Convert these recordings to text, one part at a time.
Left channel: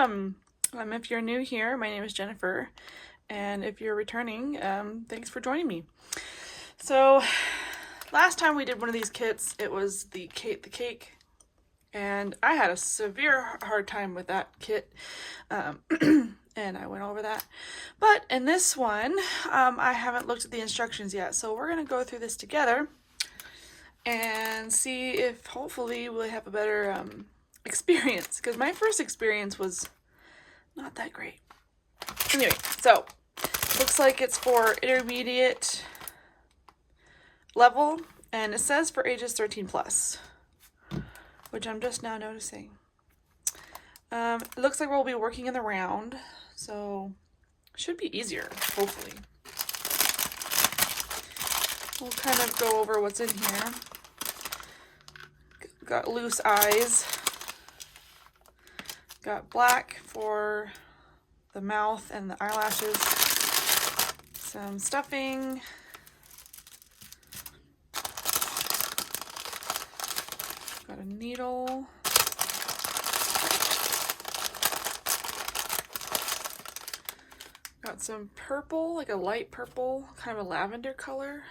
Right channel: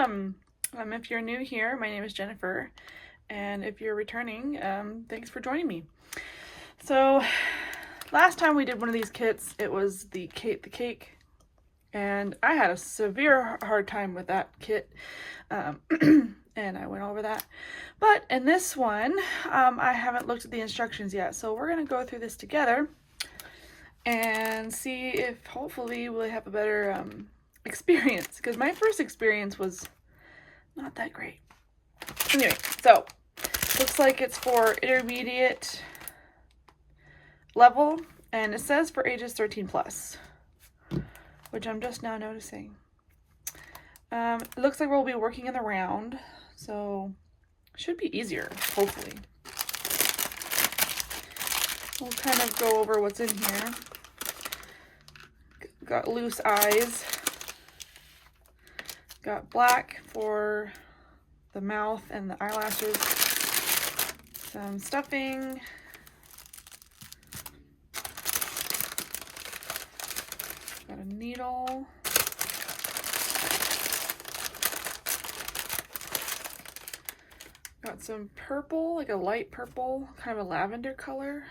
welcome. If you're new here, my name is Jennifer, and if you're returning, thanks for joining me. So last time we did one of these kits, it was the cake, and I had a severe hard time with that kit, and I went over that. But in this one, I haven't looked at the instructions yet, so we're going to go through this together and see if hopefully we'll have a better experience, because my first experience was not that great. Anyway, so looks like it's for intermediate level, and it says for ages 13 plus, which I'm just now noticing. It looks like we'll be working in the round, so should be easier, hopefully. We'll kind of go over what's in here. Got loose eyes. Got black for the mouth and the eyelashes. Some stuffing. Got a needle. Got some purple, like a light purple, kind of a lavender color.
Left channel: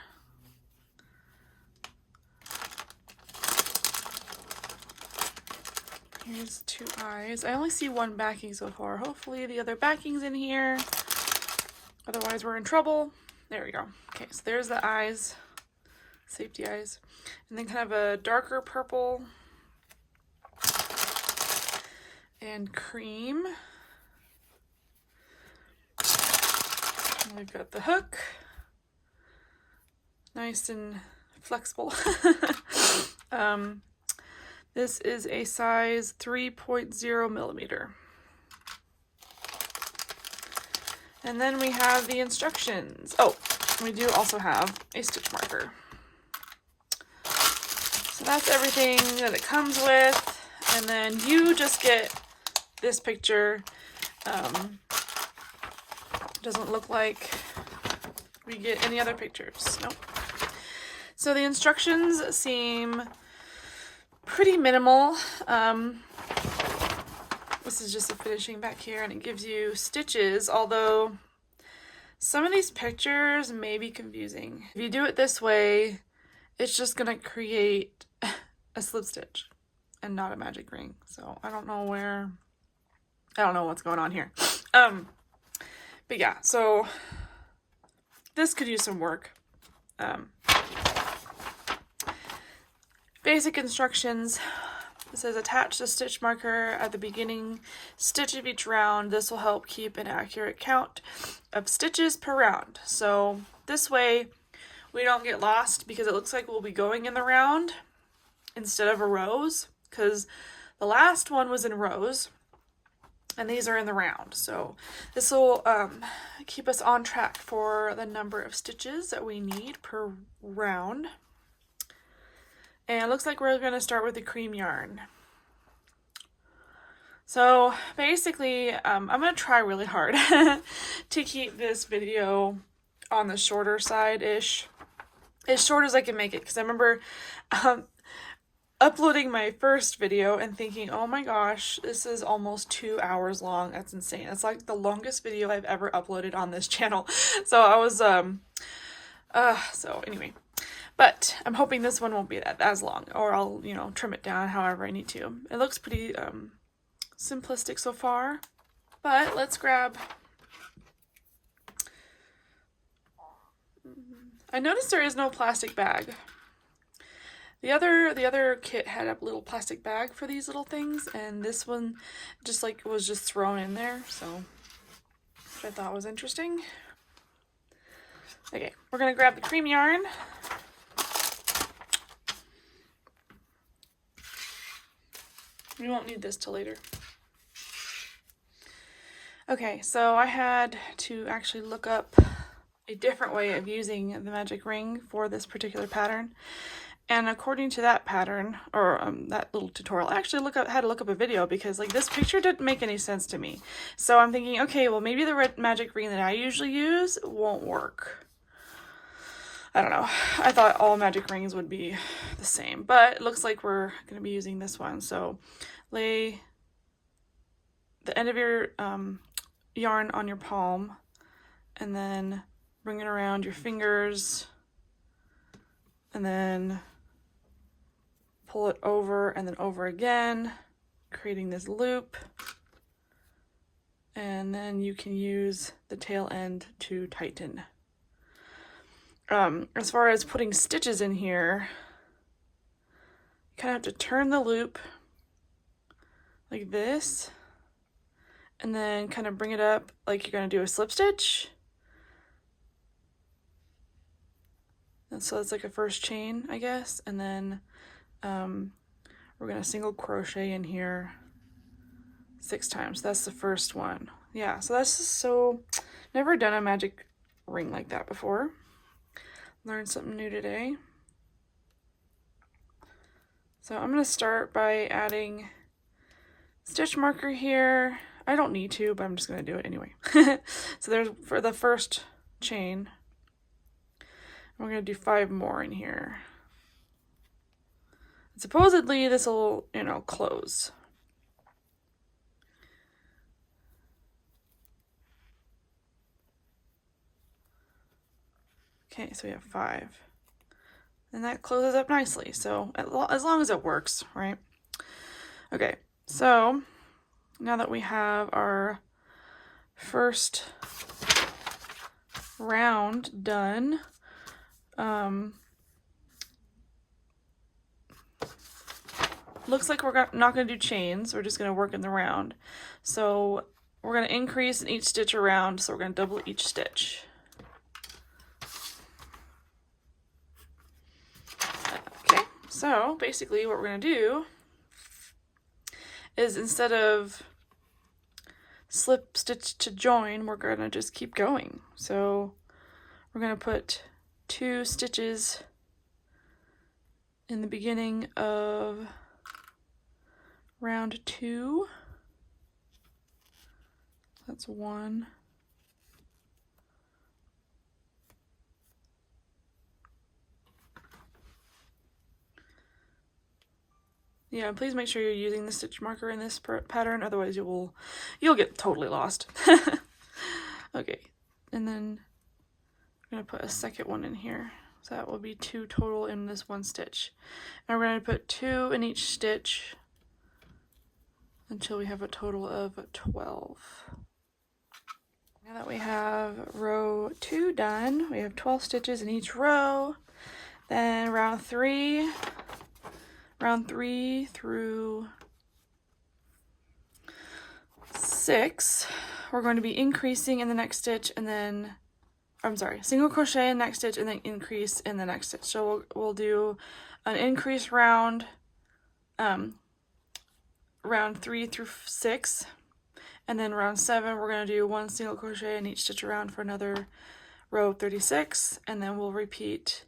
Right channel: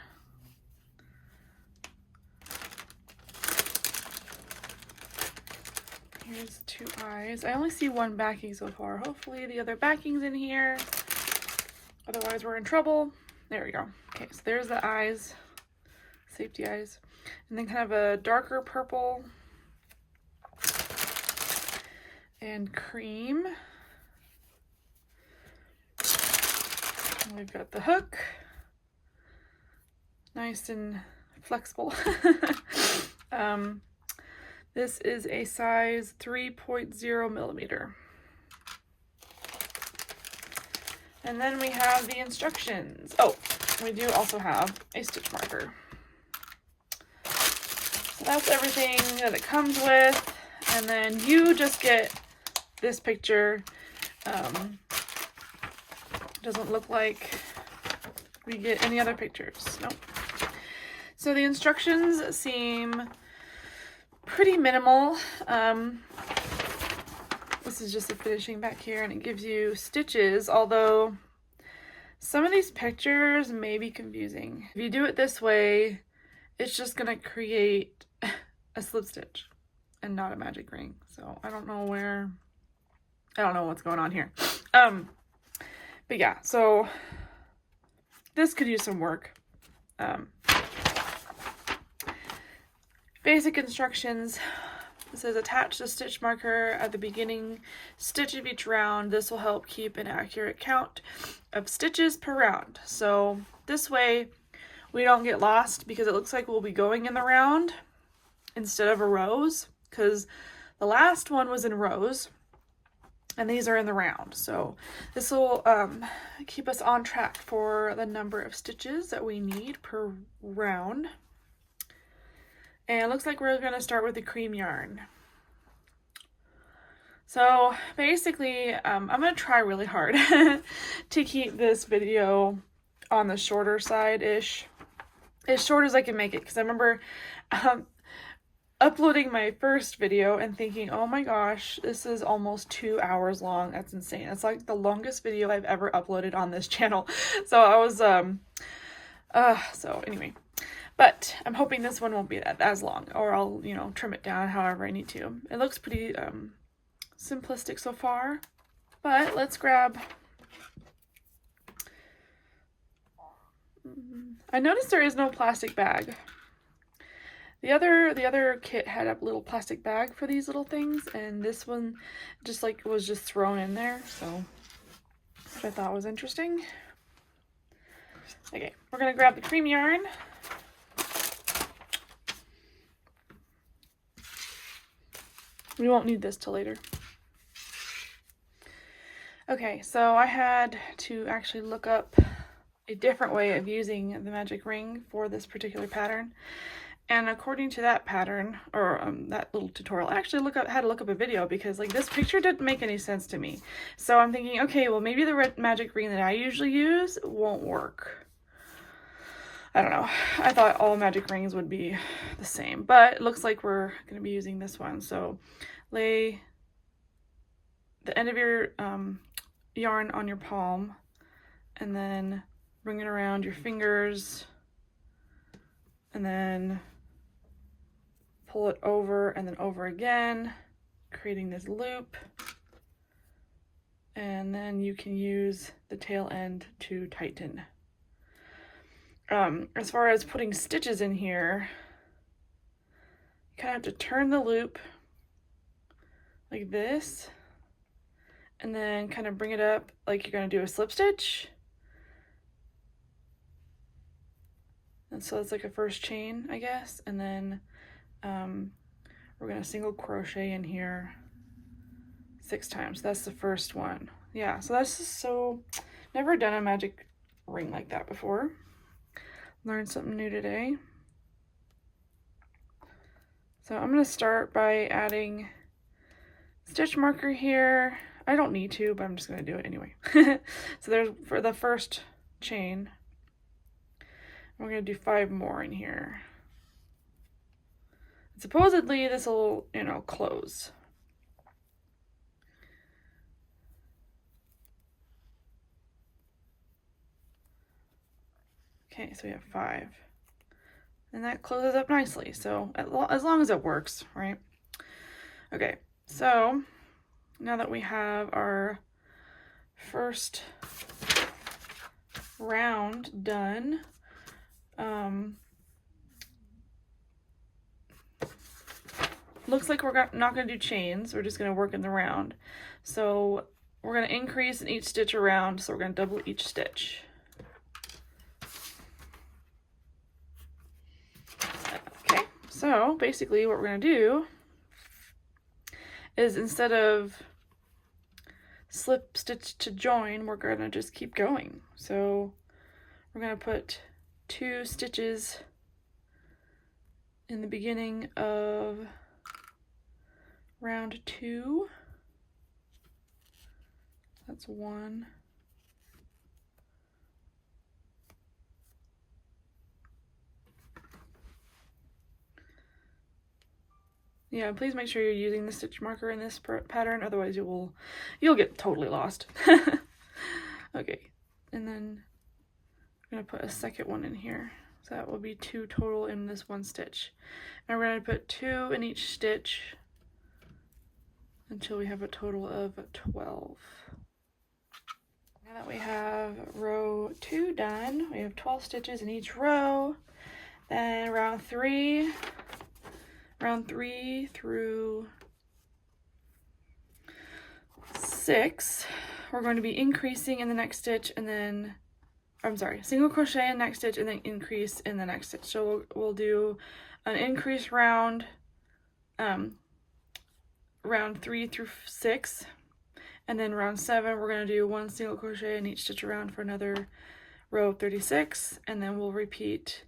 Here's two eyes. I only see one backing so far. Hopefully the other backing's in here. Otherwise we're in trouble. There we go. Okay, so there's the eyes. Safety eyes. And then kind of a darker purple. And cream. And we've got the hook. Nice and flexible. This is a size 3.0 millimeter. And then we have the instructions. Oh, we do also have a stitch marker. So that's everything that it comes with. And then you just get this picture. Doesn't look like we get any other pictures. Nope. So the instructions seem pretty minimal. This is just a finishing back here, and it gives you stitches, although some of these pictures may be confusing. If you do it this way, it's just gonna create a slip stitch and not a magic ring. So I don't know what's going on here. But yeah, so this could use some work. Basic instructions. It says attach the stitch marker at the beginning stitch of each round. This will help keep an accurate count of stitches per round. So this way we don't get lost, because it looks like we'll be going in the round instead of a rows, because the last one was in rows and these are in the round. So this will keep us on track for the number of stitches that we need per round. And it looks like we're going to start with the cream yarn. So basically, I'm going to try really hard to keep this video on the shorter side-ish. As short as I can make it. Because I remember uploading my first video and thinking, oh my gosh, this is almost 2 hours long. That's insane. It's like the longest video I've ever uploaded on this channel. So I was, so anyway. But I'm hoping this one won't be as long, or I'll, trim it down however I need to. It looks pretty simplistic so far, but let's grab. I noticed there is no plastic bag. The other kit had a little plastic bag for these little things, and this one was just thrown in there, so which I thought was interesting. Okay, we're gonna grab the cream yarn. We won't need this till later. Okay, so I had to actually look up a different way of using the magic ring for this particular pattern. And according to that pattern, or that little tutorial, I actually had to look up a video, because this picture didn't make any sense to me. So I'm thinking, okay, well maybe the red magic ring that I usually use won't work. I don't know. I thought all magic rings would be the same, but it looks like we're going to be using this one. So lay the end of your yarn on your palm, and then bring it around your fingers, and then pull it over and then over again, creating this loop. And then you can use the tail end to tighten. As far as putting stitches in here, you kind of have to turn the loop like this, and then kind of bring it up like you're going to do a slip stitch. And so it's like a first chain, I guess, and then we're going to single crochet in here 6 times. That's the first one. Yeah, so that's just so, never done a magic ring like that before. Learned something new today. So I'm going to start by adding stitch marker here. I don't need to, but I'm just going to do it anyway. So there's for the first chain. We're going to do 5 more in here. Supposedly this will, you know, close. Okay, so we have 5. And that closes up nicely, so as long as it works, right? Okay, so now that we have our first round done, looks like we're not going to do chains, we're just going to work in the round. So we're going to increase in each stitch around, so we're going to double each stitch. Okay, so basically what we're going to do is instead of slip stitch to join, we're going to just keep going. So we're going to put 2 stitches in the beginning of round 2. That's 1. Yeah, please make sure you're using the stitch marker in this pattern, otherwise you'll get totally lost. Okay, and then I'm going to put a second one in here. So that will be 2 total in this one stitch. And we're going to put 2 in each stitch until we have a total of 12. Now that we have row 2 done, we have 12 stitches in each row. Then round 3 through 6, we're going to be increasing in the next stitch, and then, I'm sorry, single crochet in the next stitch and then increase in the next stitch. So we'll do an increase round, round 3 through 6, and then round 7 we're going to do 1 single crochet in each stitch around for another row of 36, and then we'll repeat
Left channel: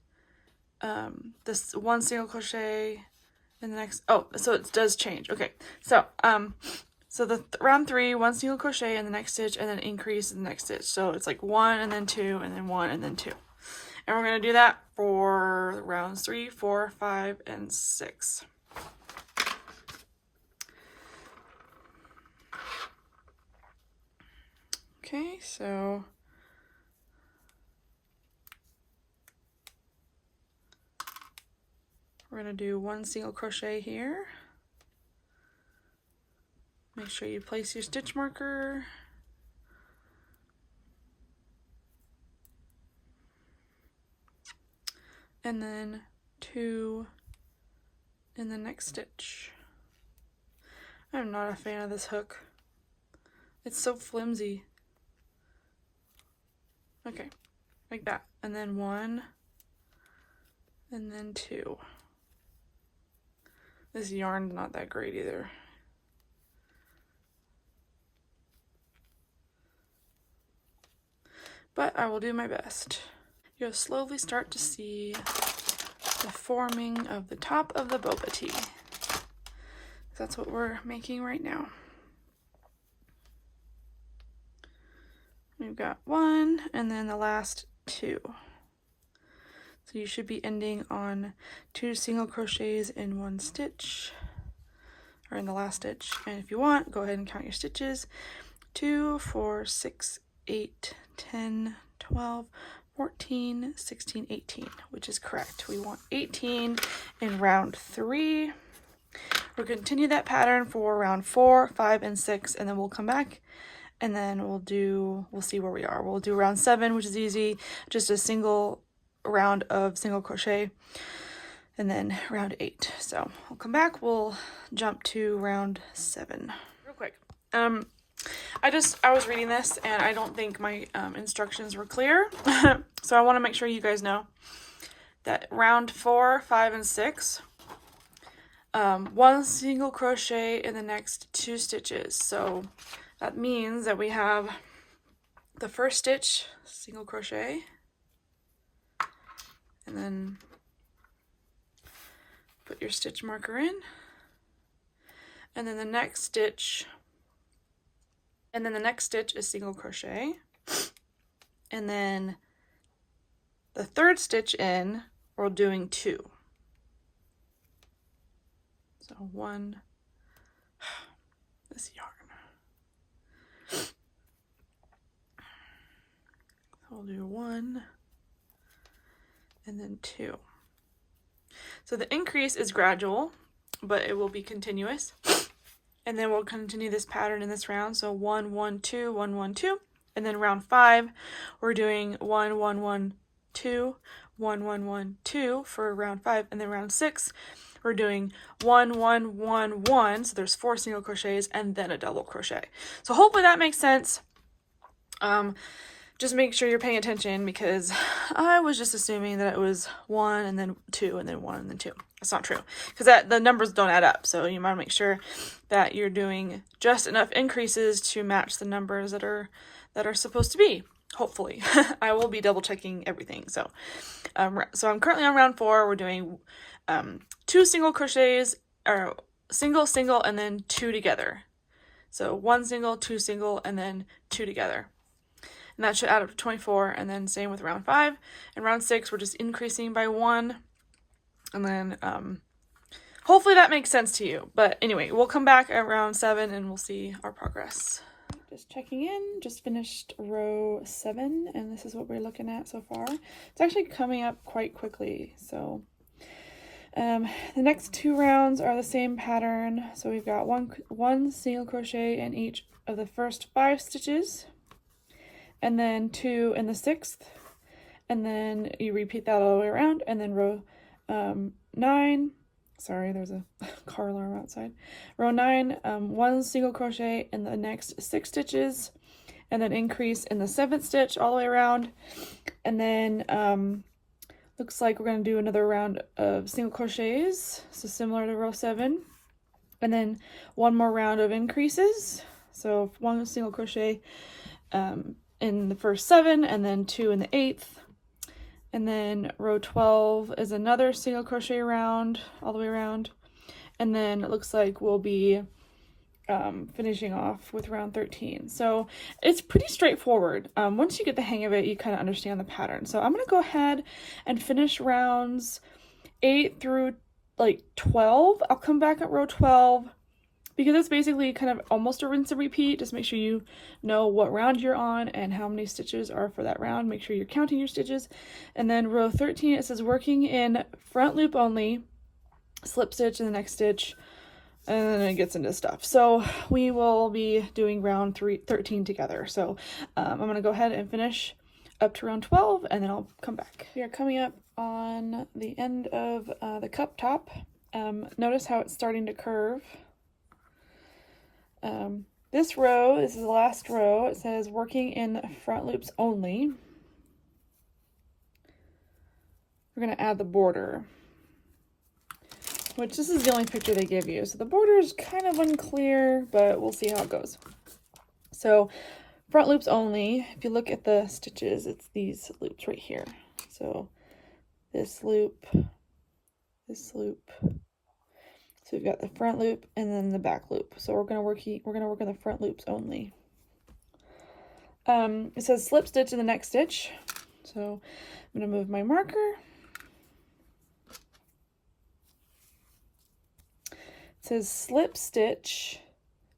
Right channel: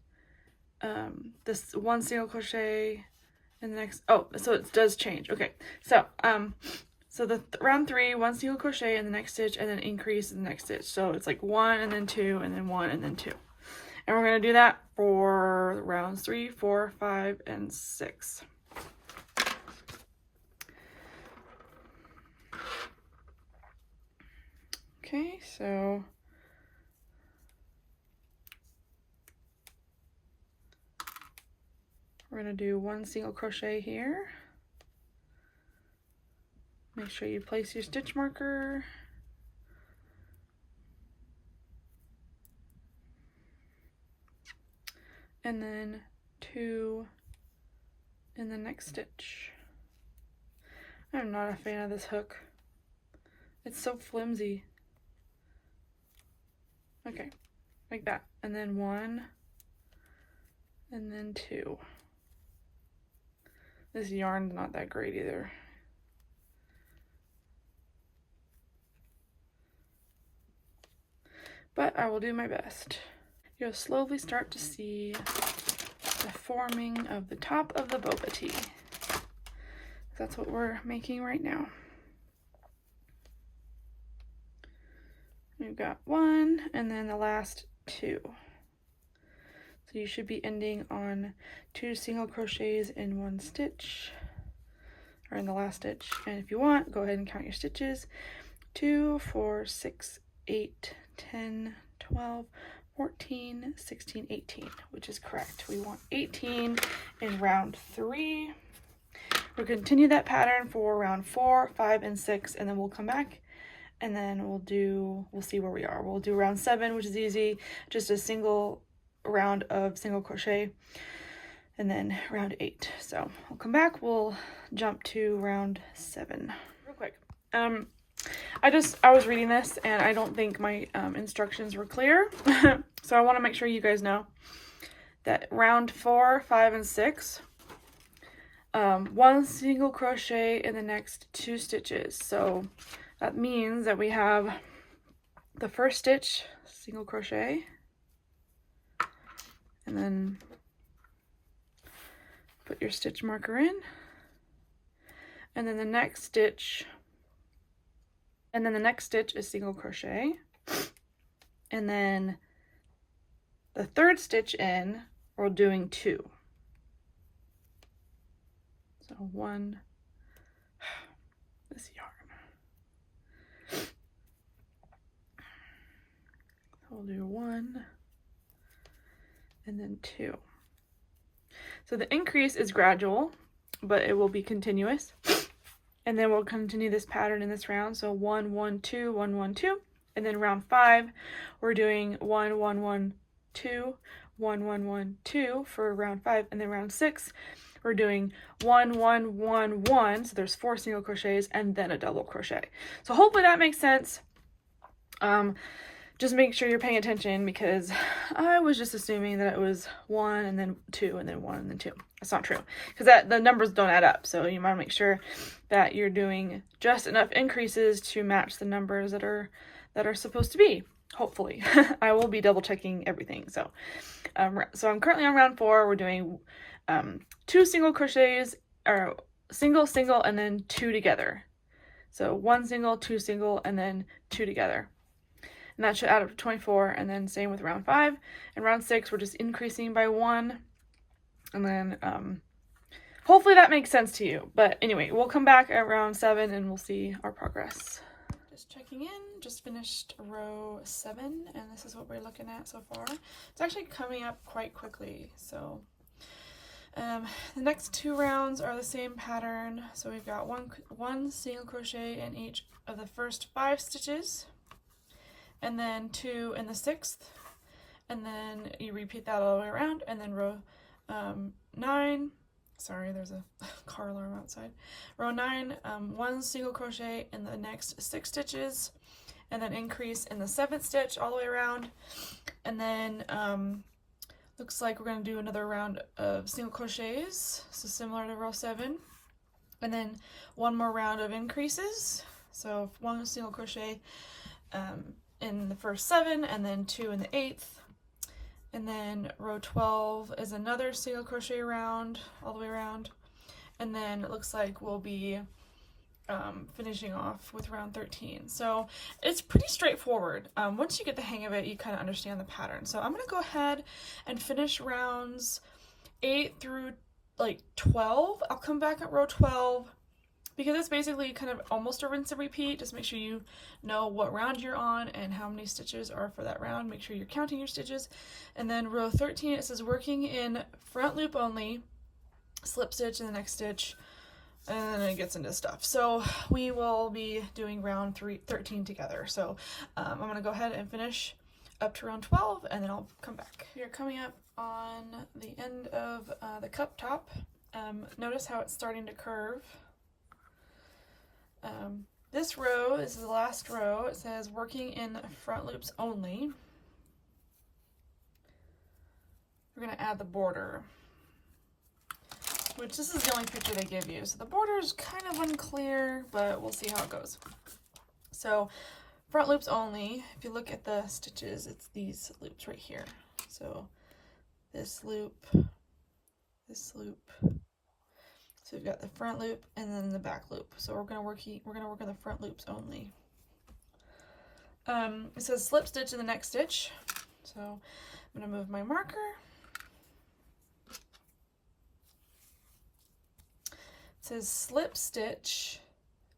this 1 single crochet in the next, oh, so it does change. Okay, so so the round 3, 1 single crochet in the next stitch, and then increase in the next stitch. So it's like 1 and then 2 and then 1 and then 2. And we're going to do that for rounds 3, 4, 5, and 6. Okay, so we're going to do 1 single crochet here. Make sure you place your stitch marker. And then 2 in the next stitch. I'm not a fan of this hook. It's so flimsy. Okay, like that. And then 1, and then 2. This yarn's not that great either. But I will do my best. You'll slowly start to see the forming of the top of the boba tea. That's what we're making right now. We've got 1 and then the last 2. So you should be ending on 2 single crochets in 1 stitch or in the last stitch. And if you want, go ahead and count your stitches. 2, 4, 6, 8, 10, 12, 14, 16, 18, which is correct. We want 18 in round 3. We'll continue that pattern for round 4, 5, and 6, and then we'll come back and then we'll see where we are. We'll do round 7, which is easy, just a single round of single crochet, and then round 8. So we'll come back, we'll jump to round 7 real quick. I was reading this and I don't think my instructions were clear. So I want to make sure you guys know that round 4, 5, and 6, 1 single crochet in the next 2 stitches. So that means that we have the first stitch, single crochet, and then put your stitch marker in, and then the next stitch, and then the next stitch is single crochet, and then the third stitch in, we're doing 2. So 1, this yarn. So we'll do 1 and then 2. So the increase is gradual, but it will be continuous. And then we'll continue this pattern in this round. So 1, 1, 2, 1, 1, 2. And then round 5, we're doing 1, 1, 1, 2, 1, 1, 1, 2 for round 5. And then round 6, we're doing 1, 1, 1, 1. So there's 4 single crochets and then a double crochet. So hopefully that makes sense. Just make sure you're paying attention, because I was just assuming that it was 1 and then 2 and then 1 and then 2. That's not true, because the numbers don't add up. So you want to make sure that you're doing just enough increases to match the numbers that are supposed to be. Hopefully, I will be double checking everything. So, so I'm currently on round 4. We're doing 2 single crochets, or single, single, and then 2 together. So 1 single, 2 single, and then 2 together. And that should add up to 24, and then same with round 5. And round 6, we're just increasing by 1. And then hopefully that makes sense to you. But anyway, we'll come back at round 7 and we'll see our progress. Just checking in, just finished row 7, and this is what we're looking at so far. It's actually coming up quite quickly. So the next 2 rounds are the same pattern. So we've got one single crochet in each of the first 5 stitches, and then 2 in the 6th, and then you repeat that all the way around. And then row 9, sorry, there's a car alarm outside. Row 9, 1 single crochet in the next 6 stitches, and then increase in the 7th stitch all the way around. And then looks like we're going to do another round of single crochets, so similar to row 7, and then 1 more round of increases. So 1 single crochet in the first 7, and then 2 in the 8th. And then row 12 is another single crochet round all the way around. And then it looks like we'll be finishing off with round 13. So it's pretty straightforward. Once you get the hang of it, you kind of understand the pattern. So I'm going to go ahead and finish rounds 8 through like 12. I'll come back at row 12, because it's basically kind of almost a rinse and repeat. Just make sure you know what round you're on and how many stitches are for that round. Make sure you're counting your stitches. And then row 13, it says working in front loop only, slip stitch in the next stitch, and then it gets into stuff. So we will be doing round 13 together. So I'm going to go ahead and finish up to round 12, and then I'll come back. We are coming up on the end of the cup top. Notice how it's starting to curve. This row, this is the last row, it says working in front loops only. We're going to add the border, which this is the only picture they give you. So the border is kind of unclear, but we'll see how it goes. So front loops only, if you look at the stitches, it's these loops right here. So this loop, this loop. So we've got the front loop and then the back loop. So we're gonna work on the front loops only. It says slip stitch in the next stitch. So I'm gonna move my marker. It says slip stitch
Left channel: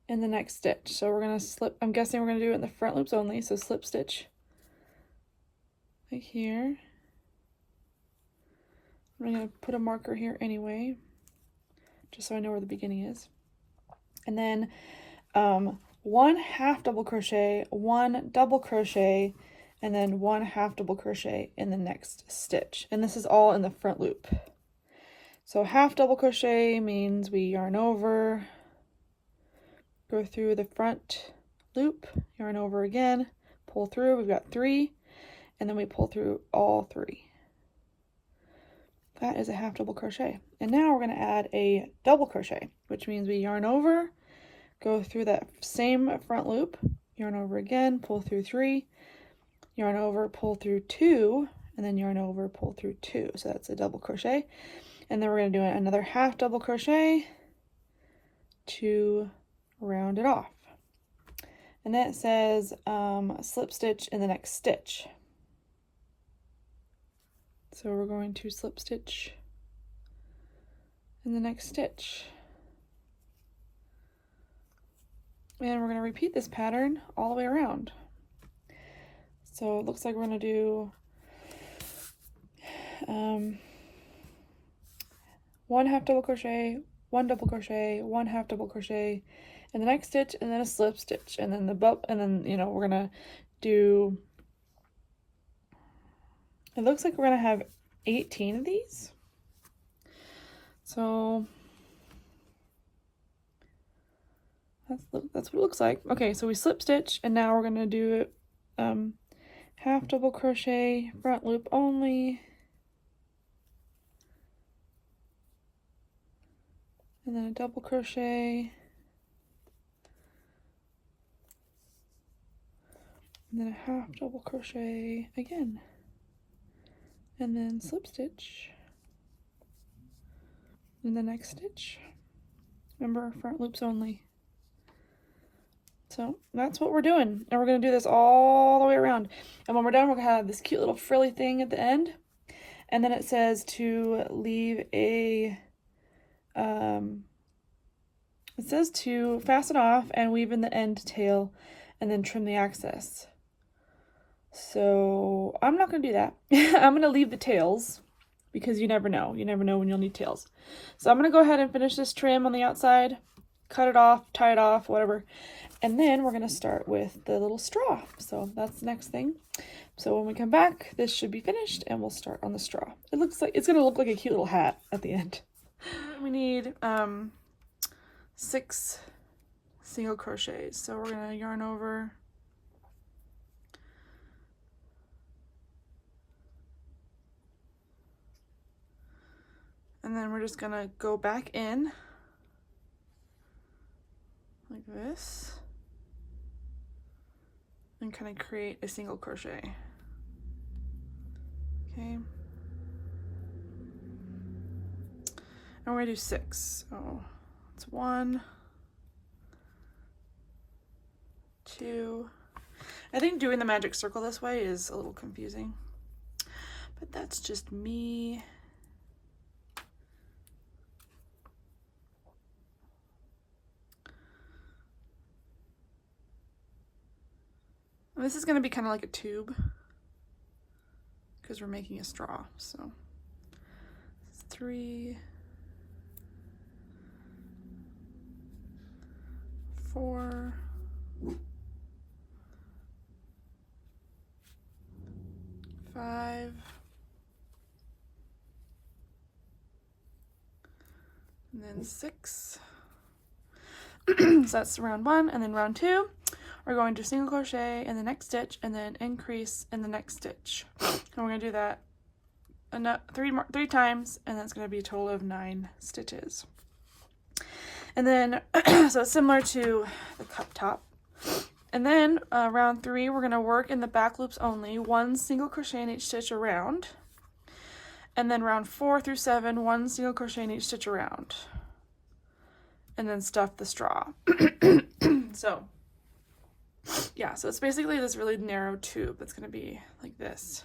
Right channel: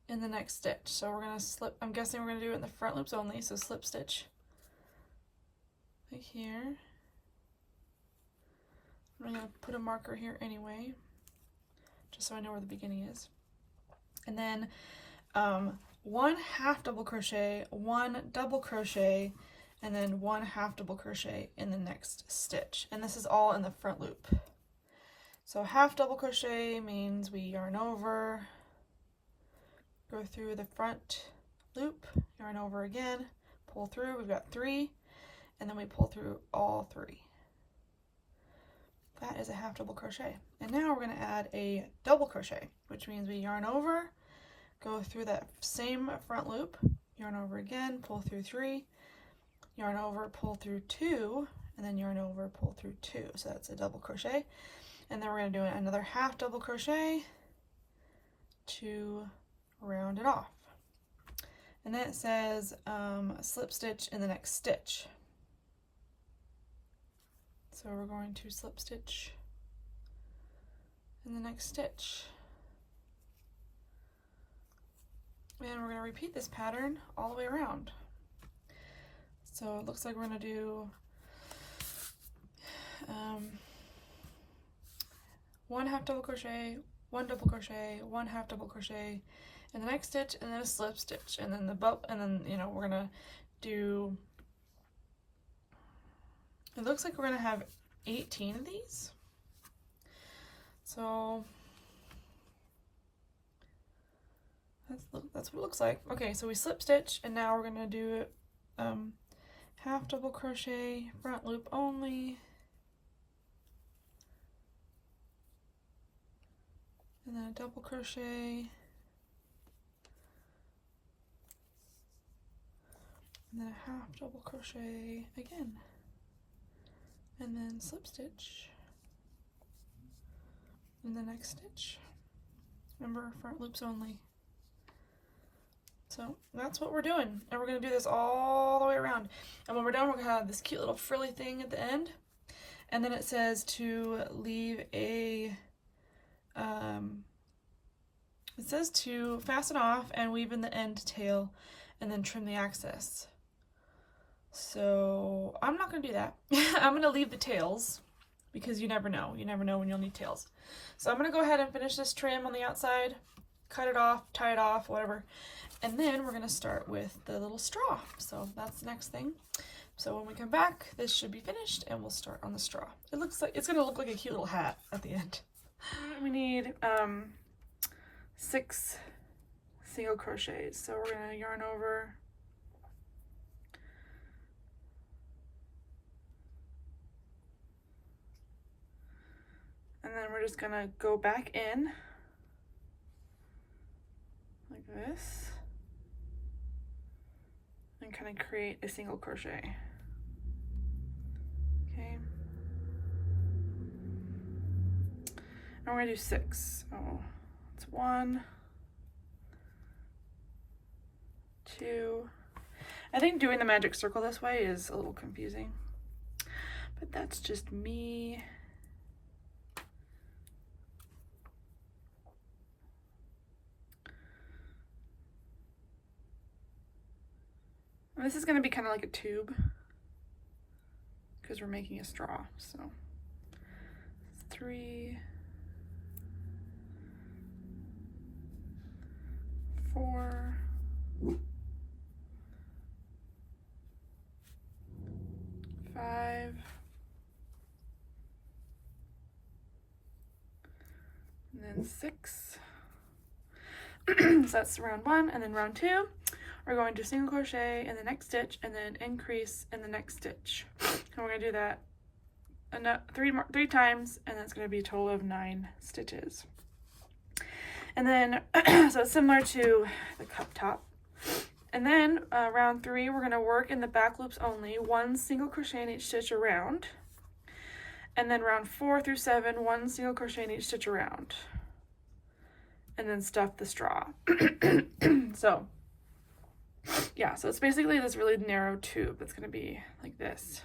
in the next stitch. So we're going to slip, I'm guessing we're going to do it in the front loops only. So slip stitch like here. I'm going to put a marker here anyway, just so I know where the beginning is. And then 1 half double crochet, 1 double crochet, and then 1 half double crochet in the next stitch. And this is all in the front loop. So half double crochet means we yarn over, go through the front loop, yarn over again, pull through. We've got 3, and then we pull through all 3. That is a half double crochet. And now we're going to add a double crochet, which means we yarn over, go through that same front loop, yarn over again, pull through 3, yarn over, pull through 2, and then yarn over, pull through 2. So that's a double crochet. And then we're going to do another half double crochet to round it off. And then it says slip stitch in the next stitch. So we're going to slip stitch in the next stitch. And we're going to repeat this pattern all the way around. So it looks like we're going to do 1 half double crochet, 1 double crochet, 1 half double crochet in the next stitch, and then a slip stitch, and then we're gonna do, it looks like we're gonna have 18 of these. So that's what it looks like. Okay, so we slip stitch, and now we're gonna do half double crochet, front loop only, and then a double crochet, and then a half double crochet again, and then slip stitch in the next stitch. Remember, front loops only. So that's what we're doing, and we're going to do this all the way around. And when we're done, we're going to have this cute little frilly thing at the end, and then it says to leave a it says to fasten off and weave in the end tail and then trim the excess. So I'm not going to do that. I'm going to leave the tails because you never know. You never know when you'll need tails. So I'm going to go ahead and finish this trim on the outside, cut it off, tie it off, whatever. And then we're going to start with the little straw. So that's the next thing. So when we come back, this should be finished and we'll start on the straw. It looks like it's going to look like a cute little hat at the end. We need 6 single crochets. So we're going to yarn over, and then we're just going to go back in like this and kind of create a single crochet. Okay. And we're going to do 6. So it's 1, 2. I think doing the magic circle this way is a little confusing, but that's just me. And this is going to be kind of like a tube because we're making a straw. So 3, 4, 5, and then 6. So that's round 1, and then round 2, we're going to single crochet in the next stitch and then increase in the next stitch. And we're going to do that 3 times, and that's going to be a total of 9 stitches. And then, so it's similar to the cup top. And then round 3, we're going to work in the back loops only, 1 single crochet in each stitch around. And then round 4 through 7, 1 single crochet in each stitch around. And then stuff the straw. So, yeah, so it's basically this really narrow tube that's going to be like this.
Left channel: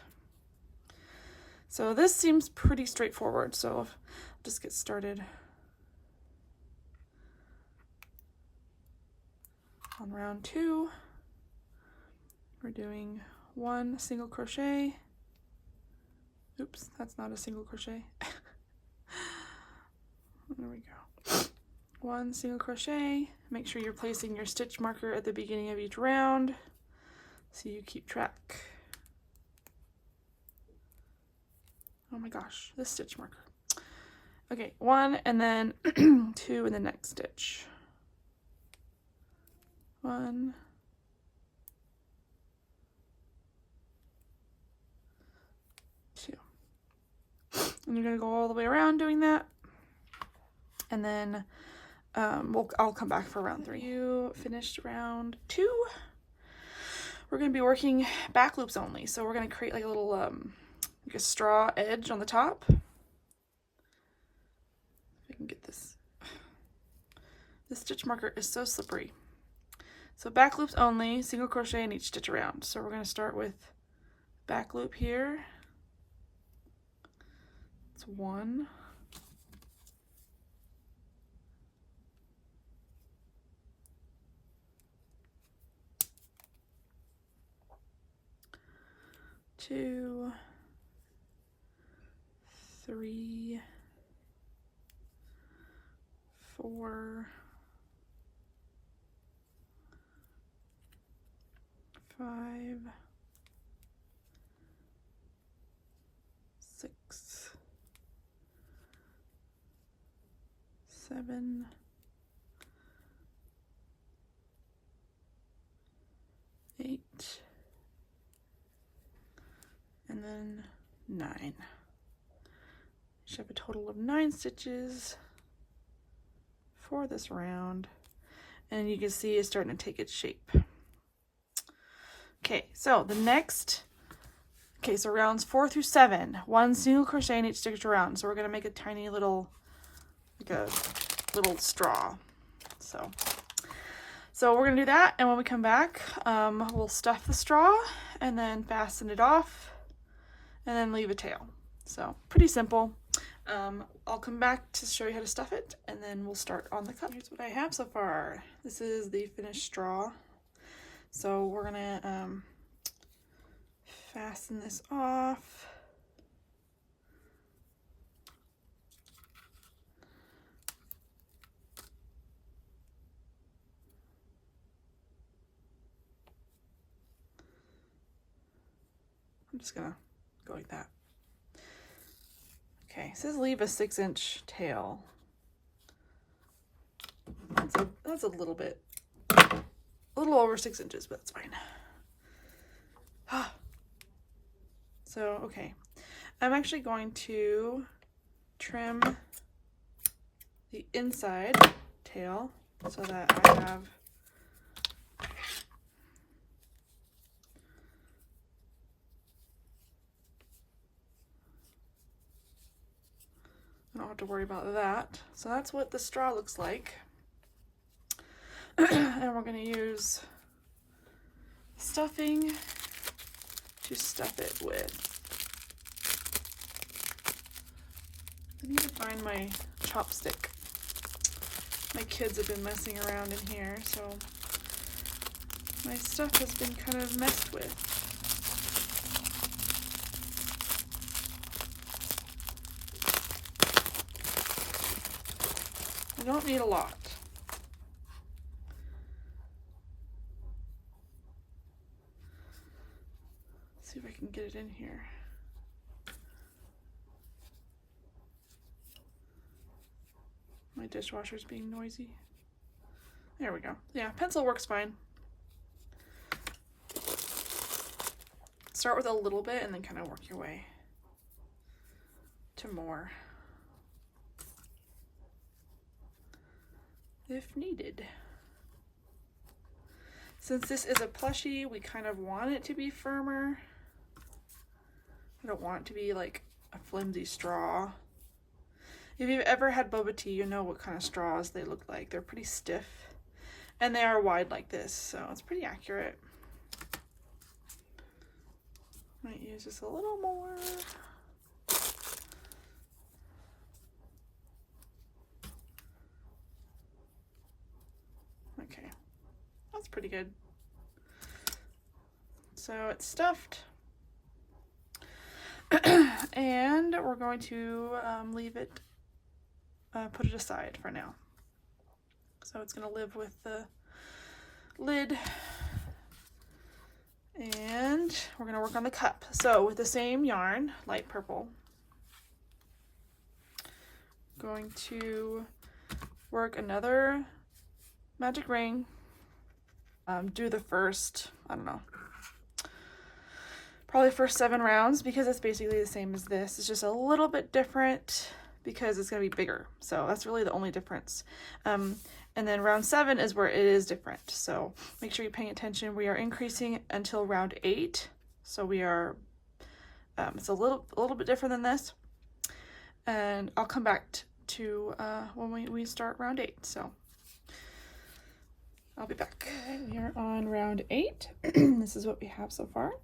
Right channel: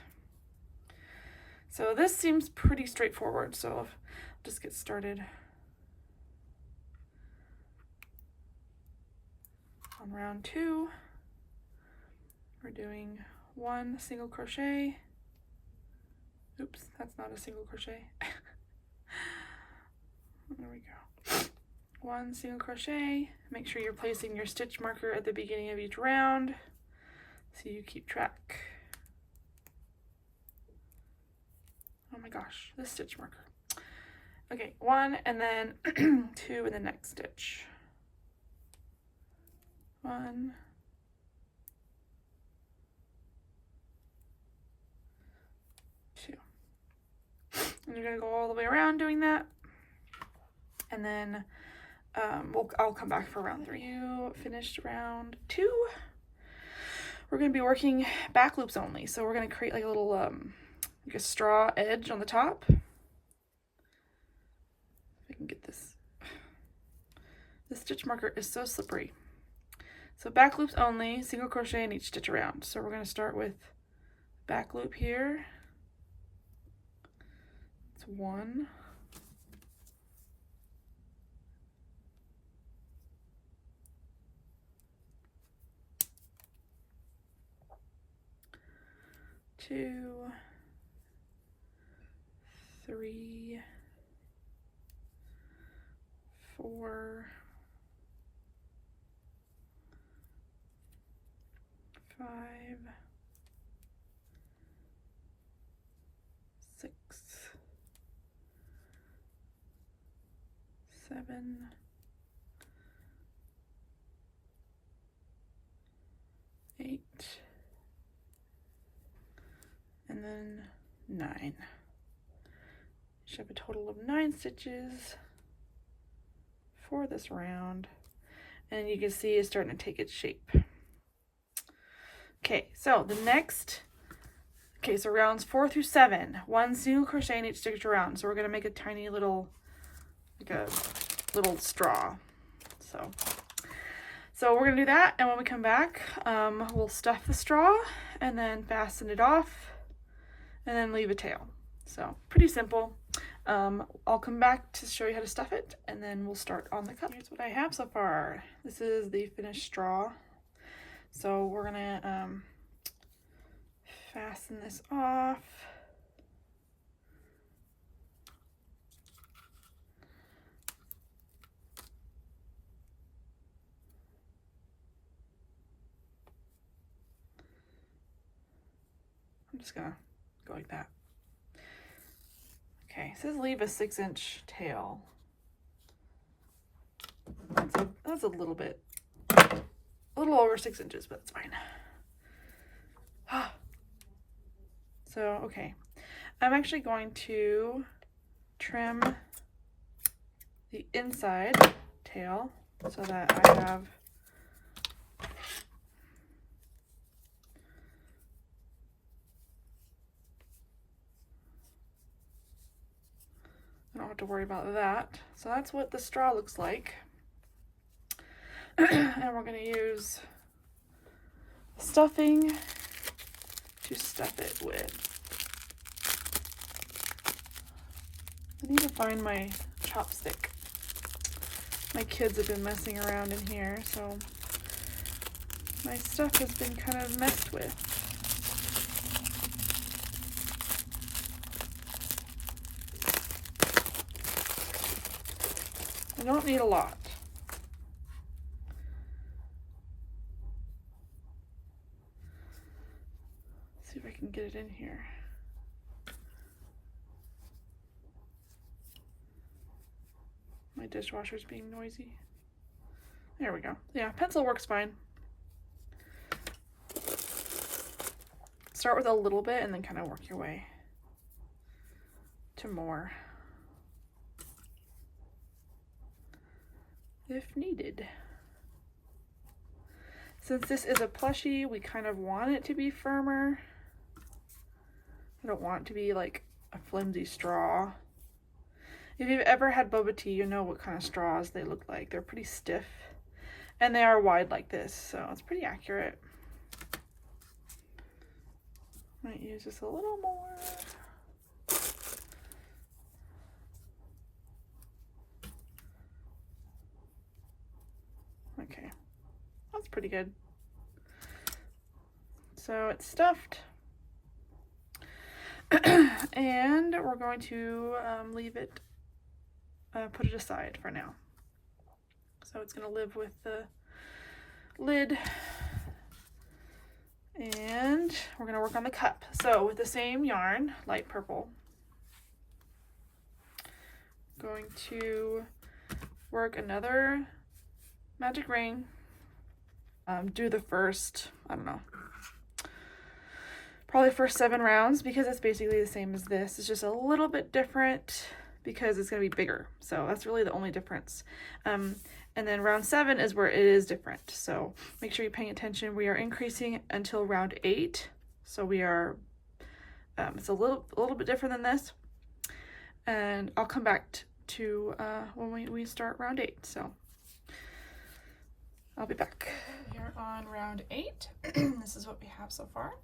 So this seems pretty straightforward, so just get started. On round 2, we're doing 1 single crochet. Oops, that's not a single crochet. There we go. 1 single crochet. Make sure you're placing your stitch marker at the beginning of each round so you keep track. Oh my gosh, this stitch marker. Okay, 1 and then 2 in the next stitch. 1, 2. And you're gonna go all the way around doing that. And then I'll come back for round 3. You finished round 2. We're gonna be working back loops only. So we're gonna create like a little like a straw edge on the top. If I can get this. This stitch marker is so slippery. So back loops only, single crochet in each stitch around. So we're going to start with back loop here. It's 1. 2, 3, 4, 5, 6, 7, 8, and then 9. Should have a total of 9 stitches for this round, and you can see it's starting to take its shape. Okay, so the next, so rounds 4 through 7, 1 single crochet in each stitch around. So we're gonna make a tiny little, like a little straw. So we're gonna do that, and when we come back, we'll stuff the straw and then fasten it off and then leave a tail. So pretty simple. I'll come back to show you how to stuff it, and then we'll start on the cup. Here's what I have so far. This is the finished straw. So we're gonna fasten this off. I'm just gonna go like that. Okay, it says leave a 6-inch tail. That's a little bit, a little over 6 inches, but it's fine. So, okay, I'm actually going to trim the inside tail so that I have I don't have to worry about that. So that's what the straw looks like. And we're going to use stuffing to stuff it with. I need to find my chopstick. My kids have been messing around in here, so my stuff has been kind of messed with. I don't need a lot. Let's see if I can get it in here. My dishwasher's being noisy. There we go. Yeah, pencil works fine. Start with a little bit and then kind of work your way to more if needed. Since this is a plushie, we kind of want it to be firmer. I don't want it to be like a flimsy straw. If you've ever had boba tea, you know what kind of straws they look like. They're pretty stiff, and they are wide like this, so it's pretty accurate. Might use just a little more. Okay. That's pretty good. So it's stuffed. And we're going to leave it, put it aside for now. So it's going to live with the lid. And we're going to work on the cup. So with the same yarn, light purple, going to work another magic ring. Do the first, I don't know, probably first 7 rounds, because it's basically the same as this. It's just a little bit different because it's going to be bigger. So that's really the only difference. And then round 7 is where it is different. So make sure you're paying attention. We are increasing until round 8. So we are, it's a little bit different than this. And I'll come back to when we start round 8. So I'll be back. Here on round 8. This is what we have so far.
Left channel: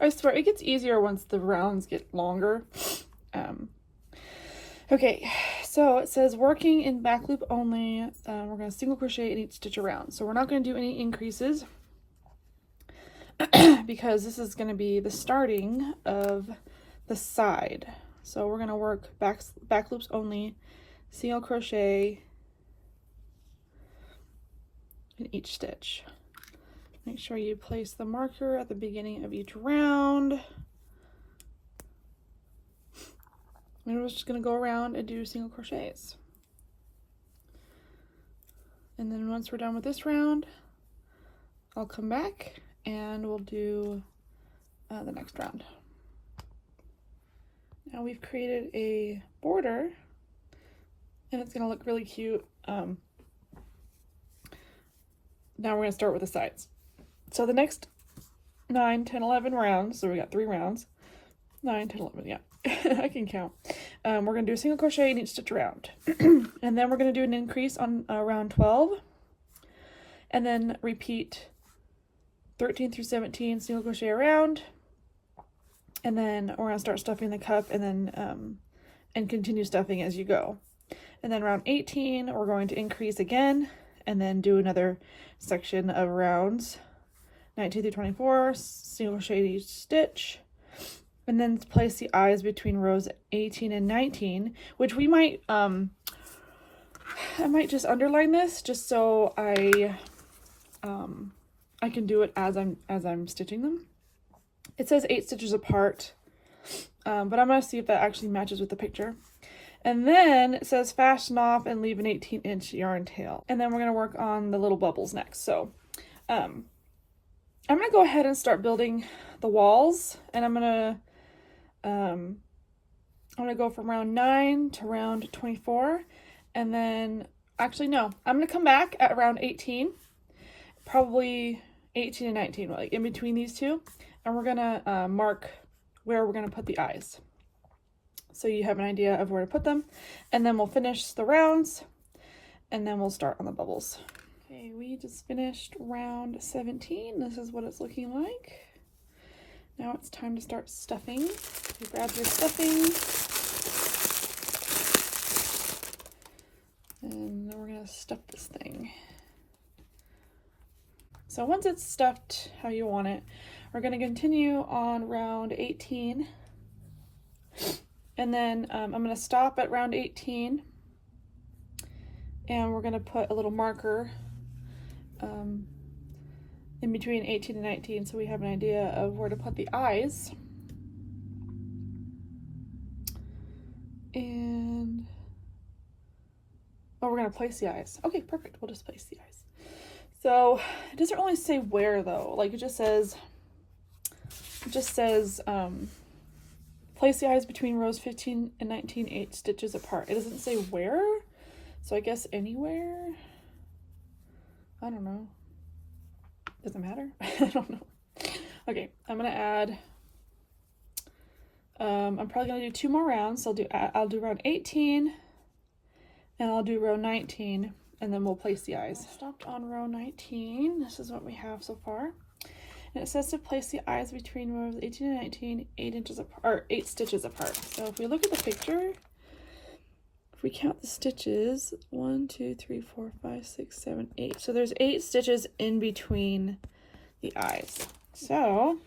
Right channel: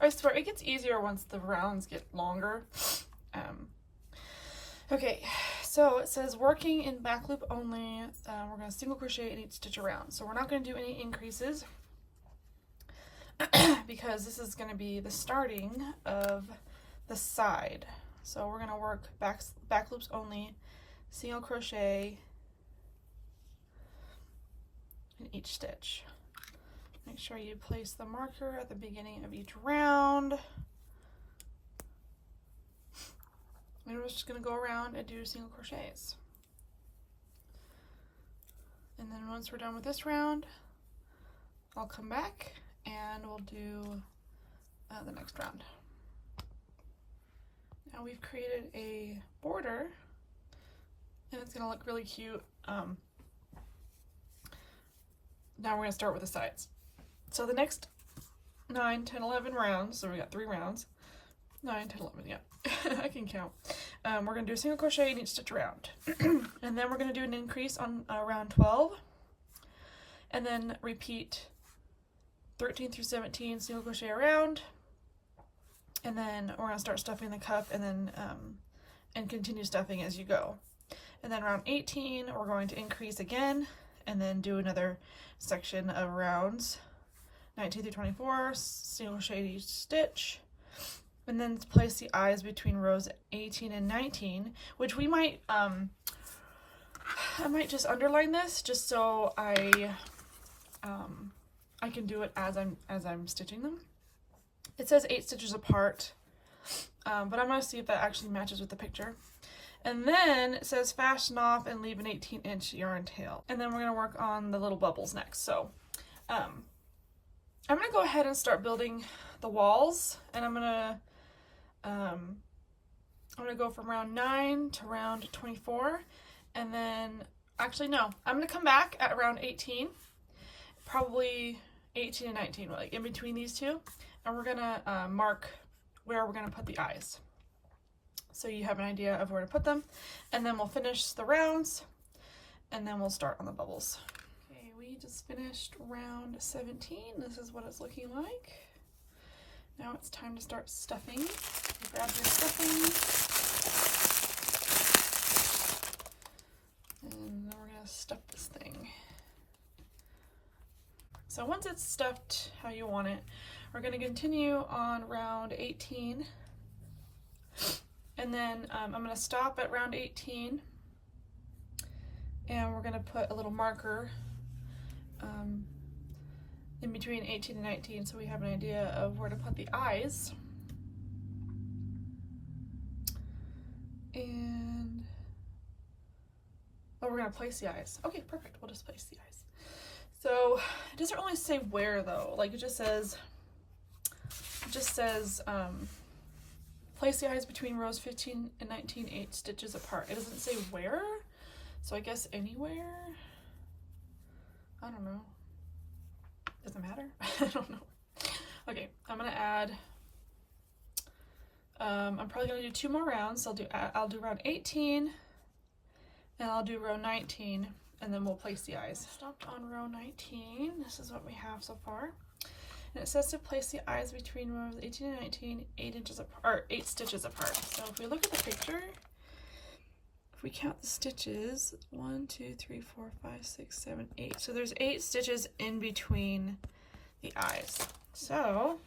I swear it gets easier once the rounds get longer. Okay, so it says working in back loop only. We're going to single crochet in each stitch around. So we're not going to do any increases because this is going to be the starting of the side. So we're going to work back loops only, single crochet in each stitch. Make sure you place the marker at the beginning of each round. And we're just going to go around and do single crochets. And then once we're done with this round, I'll come back and we'll do the next round. Now we've created a border and it's going to look really cute. Now we're going to start with the sides. So the next 9, 10, 11 rounds, so we got 3 rounds, 9, 10, 11, yeah, I can count. We're going to do a single crochet in each stitch around. And then we're going to do an increase on round 12. And then repeat 13 through 17 single crochet around. And then we're going to start stuffing the cup and then and continue stuffing as you go. And then round 18, we're going to increase again and then do another section of rounds 19 through 24, single crochet each stitch, and then place the eyes between rows 18 and 19, which we might, I might just underline this just so I can do it as I'm stitching them. It says 8 stitches apart, but I'm gonna see if that actually matches with the picture. And then it says fasten off and leave an 18-inch yarn tail. And then we're gonna work on the little bubbles next. So, I'm gonna go ahead and start building the walls, and I'm gonna go from round 9 to round 24, and then actually no, I'm gonna come back at around 18, probably 18 and 19, like in between these two, and we're gonna mark where we're gonna put the eyes, so you have an idea of where to put them, and then we'll finish the rounds, and then we'll start on the bubbles. Okay, we just finished round 17. This is what it's looking like. Now it's time to start stuffing. You grab your stuffing. And we're gonna stuff this thing. So once it's stuffed how you want it, we're gonna continue on round 18. And then I'm gonna stop at round 18. And we're gonna put a little marker in between 18 and 19, so we have an idea of where to put the eyes. And oh, we're gonna place the eyes. Okay, perfect. We'll just place the eyes. So it doesn't really say where though. Like it just says place the eyes between rows 15 and 19, 8 stitches apart. It doesn't say where, so I guess anywhere. I don't know. Doesn't matter. I don't know. Okay, I'm gonna add. I'm probably gonna do 2 more rounds. So I'll do round 18, and I'll do row 19, and then we'll place the eyes. I stopped on row 19. This is what we have so far, and it says to place the eyes between rows 18 and 19, 8 inches apart, or 8 stitches apart. So if we look at the picture, if we count the stitches, 1, 2, 3, 4, 5, 6, 7, 8. So there's 8 stitches in between the eyes. So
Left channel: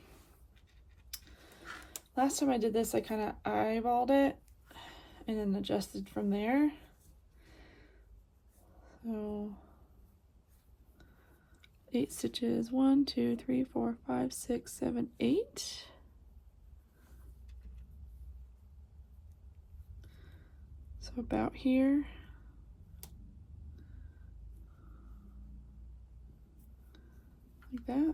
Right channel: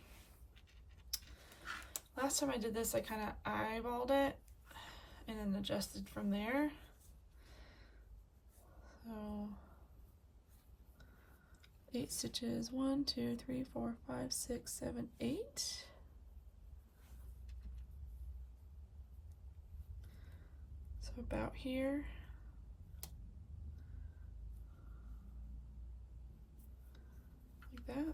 last time I did this, I kind of eyeballed it and then adjusted from there. So 8 stitches, 1, 2, 3, 4, 5, 6, 7, 8. So about here. Like that.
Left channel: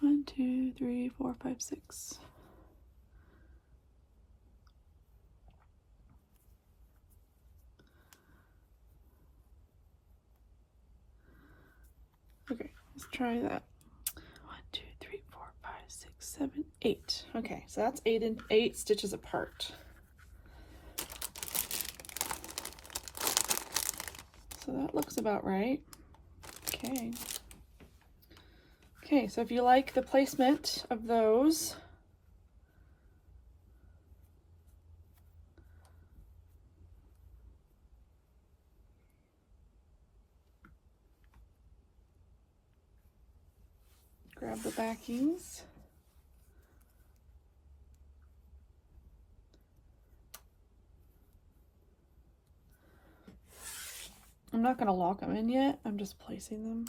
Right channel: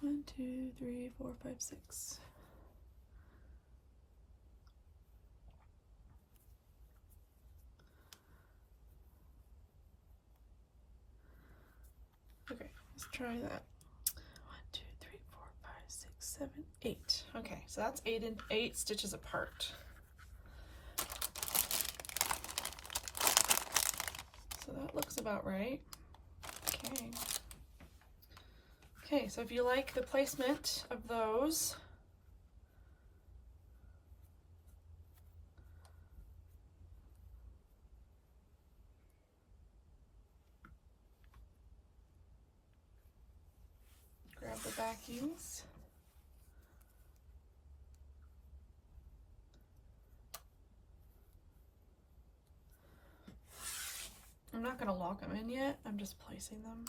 1, 2, 3, 4, 5, 6. Okay, let's try that. 1, 2, 3, 4, 5, 6, 7, 8. Okay, so that's 8 stitches apart. So that looks about right. Okay. Okay, so if you like the placement of those, grab the backings. I'm not going to lock them in yet, I'm just placing them.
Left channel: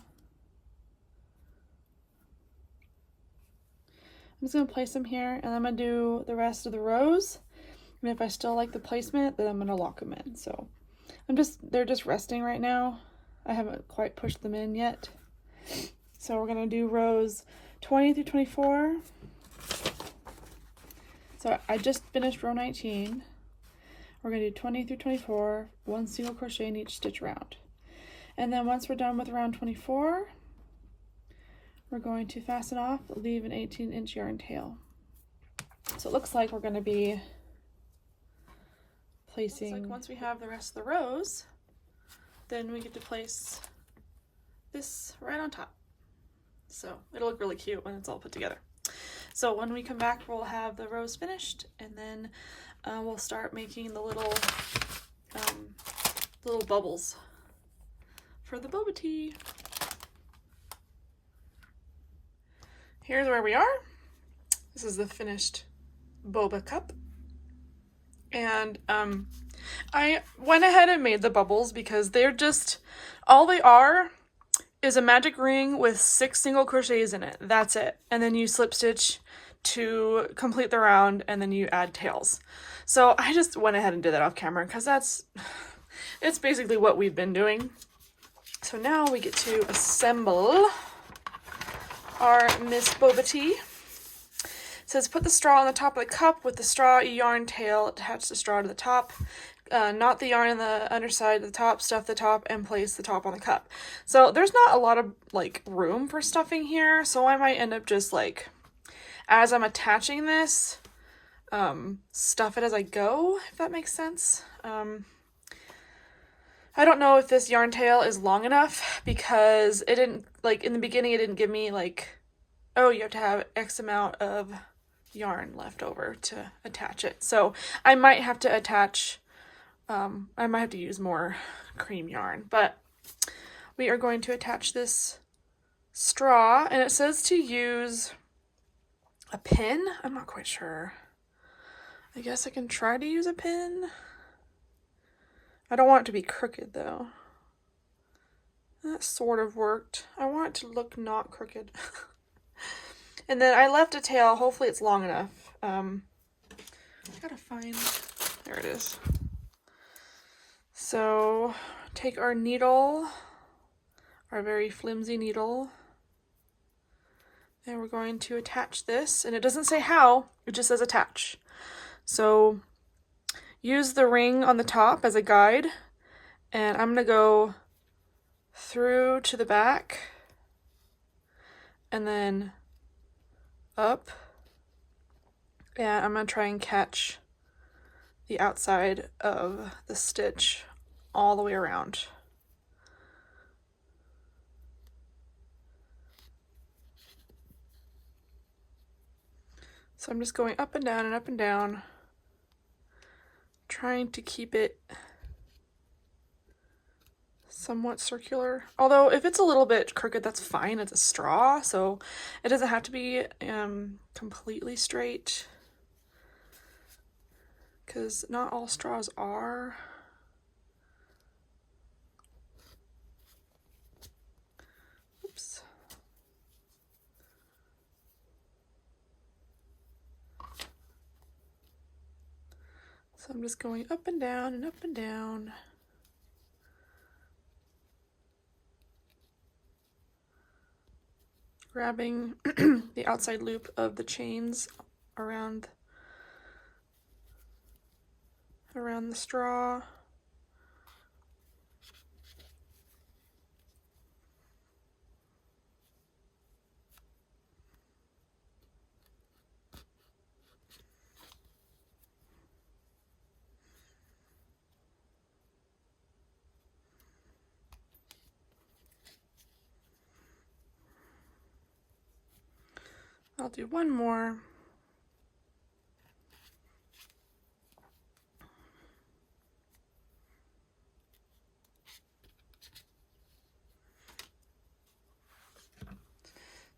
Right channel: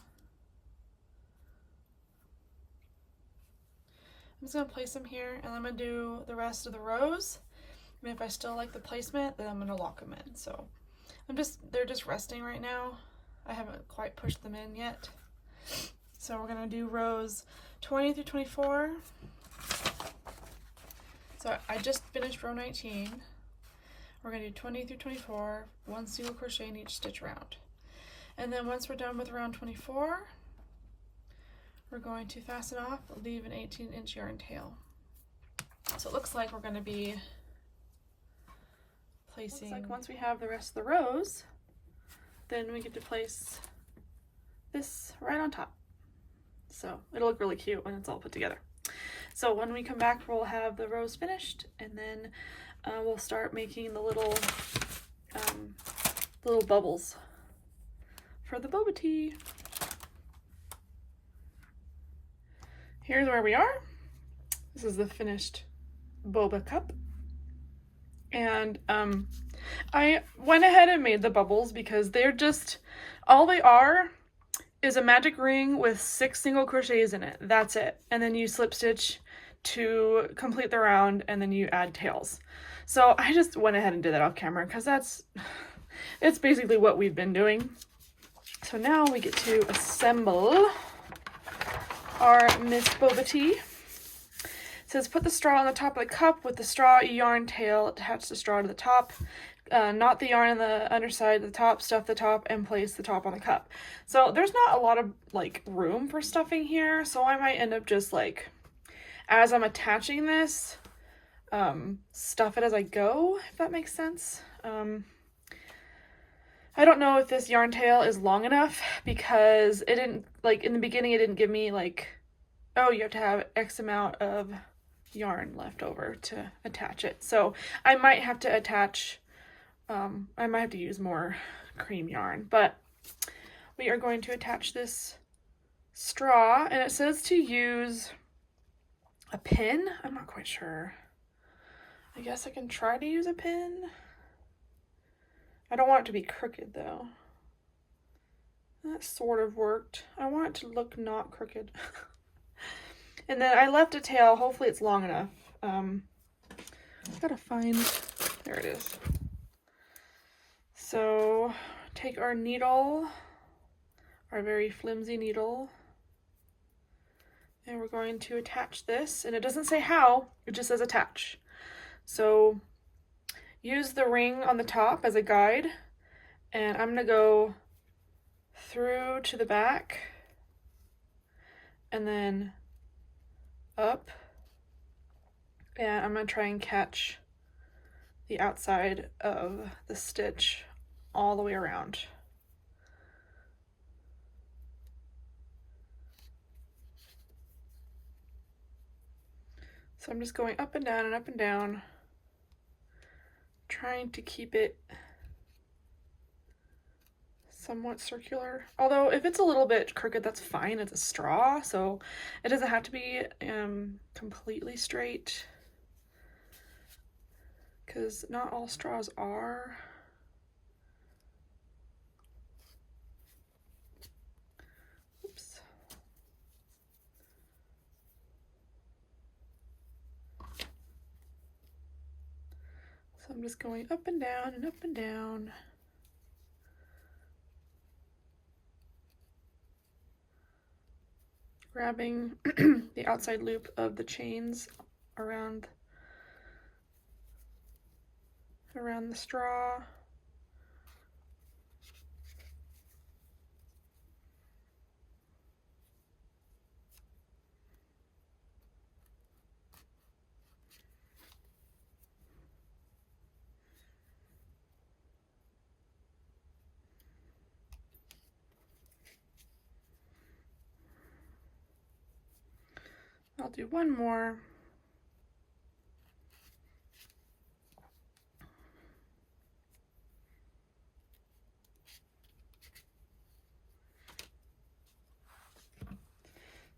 I'm just going to place them here, and I'm going to do the rest of the rows. And if I still like the placement, then I'm going to lock them in. So they're just resting right now. I haven't quite pushed them in yet. So we're going to do rows 20 through 24. So I just finished row 19. We're going to do 20 through 24, 1 single crochet in each stitch round. And then once we're done with round 24, we're going to fasten off, leave an 18-inch yarn tail. So it looks like we're going to be placing, looks like once we have the rest of the rows, then we get to place this right on top. So it'll look really cute when it's all put together. So when we come back, we'll have the rows finished, and then we'll start making the little bubbles for the boba tea. Here's where we are. This is the finished boba cup. And I went ahead and made the bubbles because they're just, all they are is a magic ring with 6 single crochets in it. That's it. And then you slip stitch to complete the round, and then you add tails. So I just went ahead and did that off camera because it's basically what we've been doing. So now we get to assemble our Miss Boba Tea. It says put the straw on the top of the cup with the straw yarn tail, attach the straw to the top, knot the yarn on the underside of the top, stuff the top, and place the top on the cup. So there's not a lot of like room for stuffing here, so I might end up just like, as I'm attaching this, stuff it as I go, if that makes sense. I don't know if this yarn tail is long enough because it didn't, like in the beginning it didn't give me like, oh, you have to have X amount of yarn left over to attach it. So I might have to attach, I might have to use more cream yarn, but we are going to attach this straw, and it says to use a pin. I'm not quite sure. I guess I can try to use a pin. I don't want it to be crooked though. That sort of worked. I want it to look not crooked. And then I left a tail. Hopefully it's long enough. I gotta find, there it is. So take our needle, our very flimsy needle, and we're going to attach this, and it doesn't say how, it just says attach. So use the ring on the top as a guide, and I'm gonna go through to the back and then up, and I'm gonna try and catch the outside of the stitch all the way around. So I'm just going up and down and up and down trying to keep it somewhat circular. Although if it's a little bit crooked, that's fine. It's a straw, so it doesn't have to be completely straight, because not all straws are. Oops. So I'm just going up and down and up and down. Grabbing the outside loop of the chains around the straw. I'll do one more.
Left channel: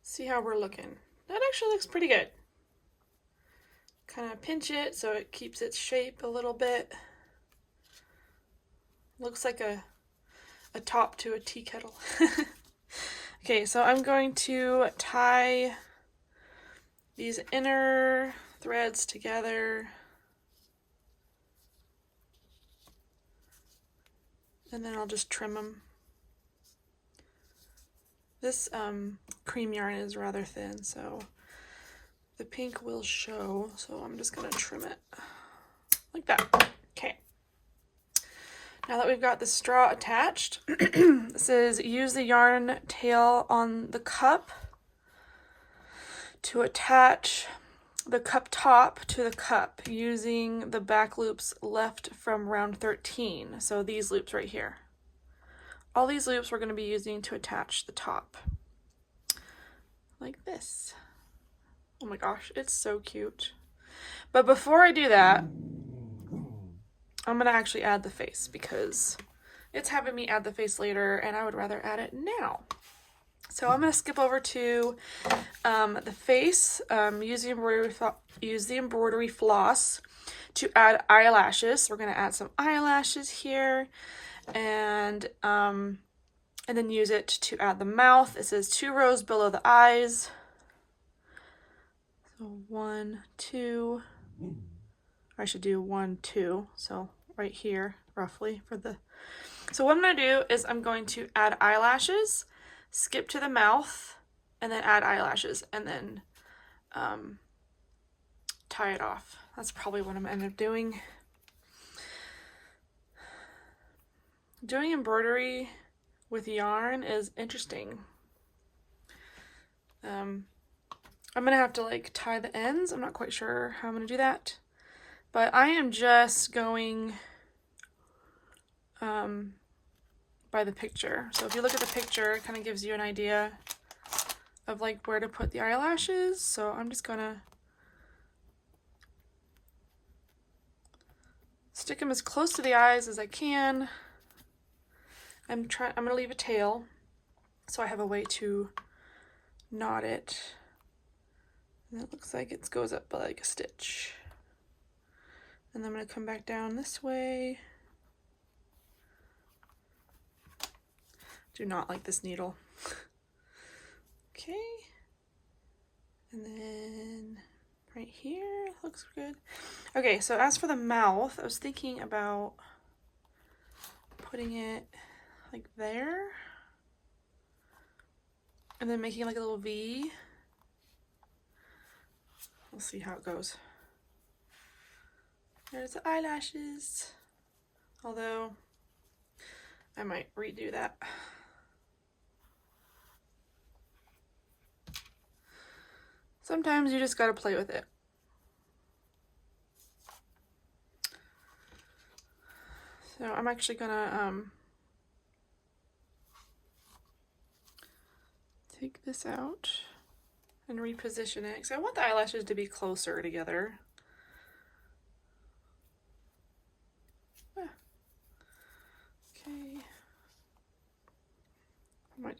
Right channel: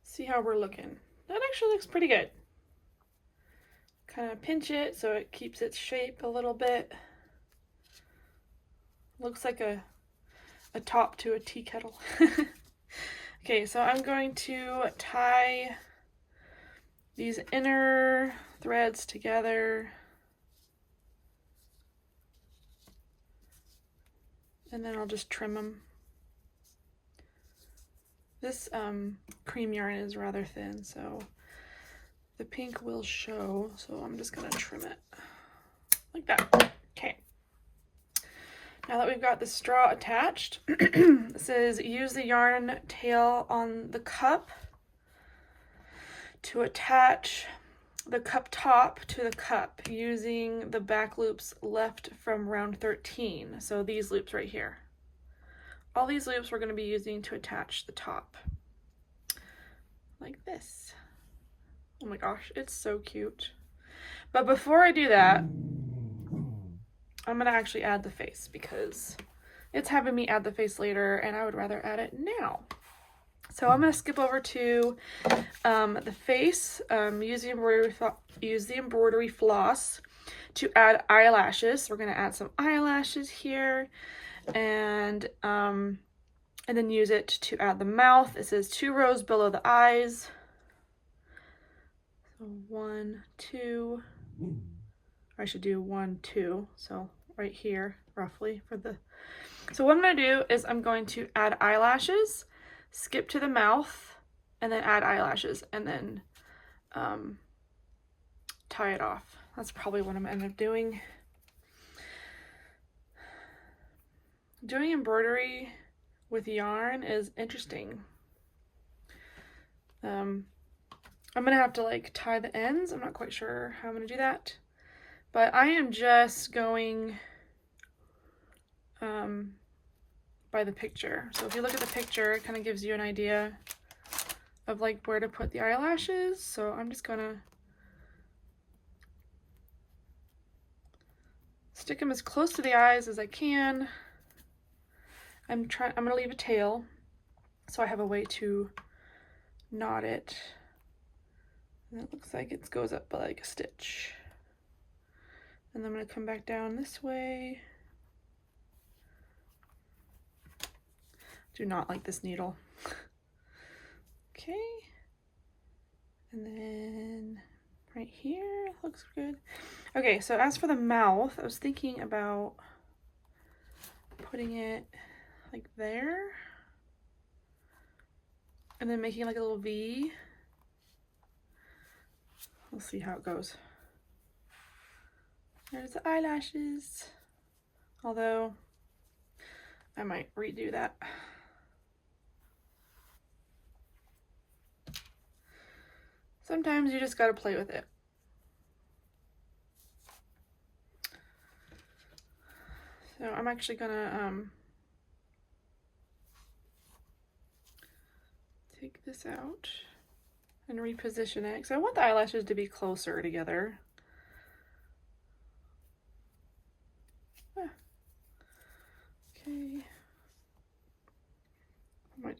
See how we're looking. That actually looks pretty good. Kind of pinch it so it keeps its shape a little bit. Looks like a top to a tea kettle. Okay, so I'm going to tie these inner threads together, and then I'll just trim them. This cream yarn is rather thin, so the pink will show, so I'm just gonna trim it like that. Okay. Now that we've got the straw attached, it says use the yarn tail on the cup to attach the cup top to the cup using the back loops left from round 13. So these loops right here. All these loops we're going to be using to attach the top. Like this. Oh my gosh, it's so cute. But before I do that, I'm going to actually add the face because it's having me add the face later and I would rather add it now. So I'm going to skip over to the face, use the embroidery floss to add eyelashes. We're going to add some eyelashes here and then use it to add the mouth. It says 2 rows below the eyes. So 1, 2, I should do 1, 2. So right here, roughly for the, so what I'm going to do is I'm going to add eyelashes, skip to the mouth, and then add eyelashes, and then tie it off. That's probably what I'm going to end up doing. Doing embroidery with yarn is interesting. I'm going to have to like tie the ends. I'm not quite sure how I'm going to do that. But I am just going by the picture. So if you look at the picture, it kind of gives you an idea of like where to put the eyelashes. So I'm just gonna stick them as close to the eyes as I can. I'm gonna leave a tail so I have a way to knot it. And it looks like it goes up by like a stitch. And then I'm gonna come back down this way. Do not like this needle. Okay. And then right here looks good. Okay, so as for the mouth, I was thinking about putting it like there and then making like a little V. We'll see how it goes. There's the eyelashes. Although I might redo that. Sometimes you just gotta play with it. So I'm actually gonna take this out and reposition it because I want the eyelashes to be closer together.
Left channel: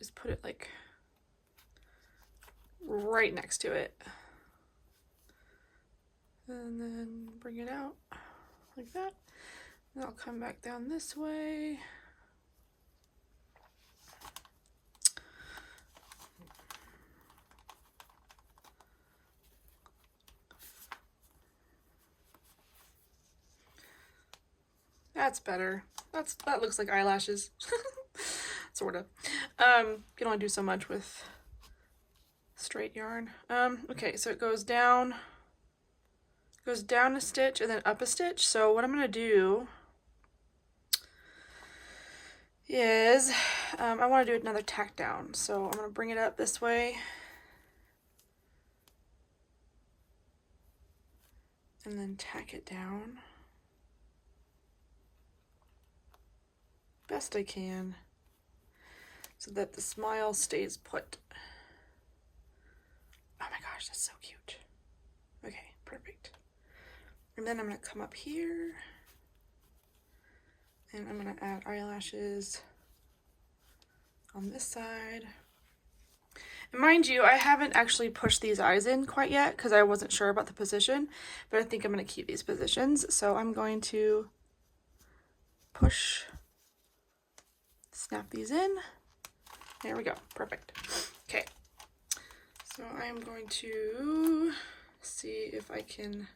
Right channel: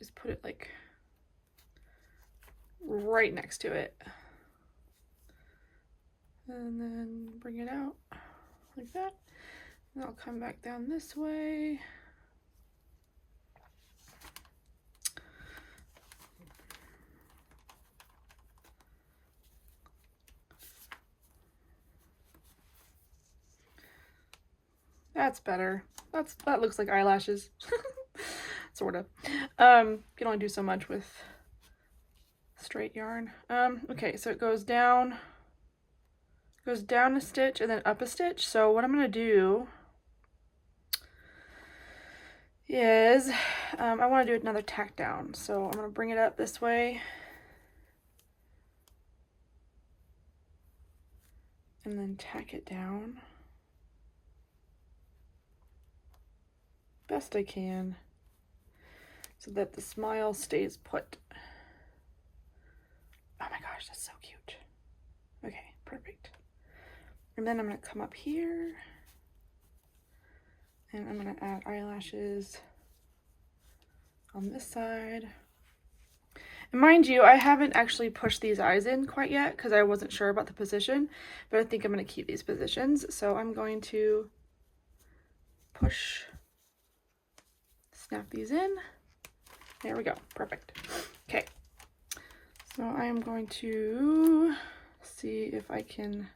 just put it like right next to it. And then bring it out like that. And I'll come back down this way. That's better. That looks like eyelashes. Sort of. You can only do so much with straight yarn. Okay, so it goes down a stitch and then up a stitch. So what I'm gonna do is I want to do another tack down. So I'm gonna bring it up this way and then tack it down best I can so that the smile stays put. Oh my gosh, that's so cute. Okay, perfect. And then I'm gonna come up here and I'm gonna add eyelashes on this side. And mind you, I haven't actually pushed these eyes in quite yet because I wasn't sure about the position, but I think I'm gonna keep these positions. So I'm going to push, snap these in. There we go, perfect. Okay, so I am going to see if I can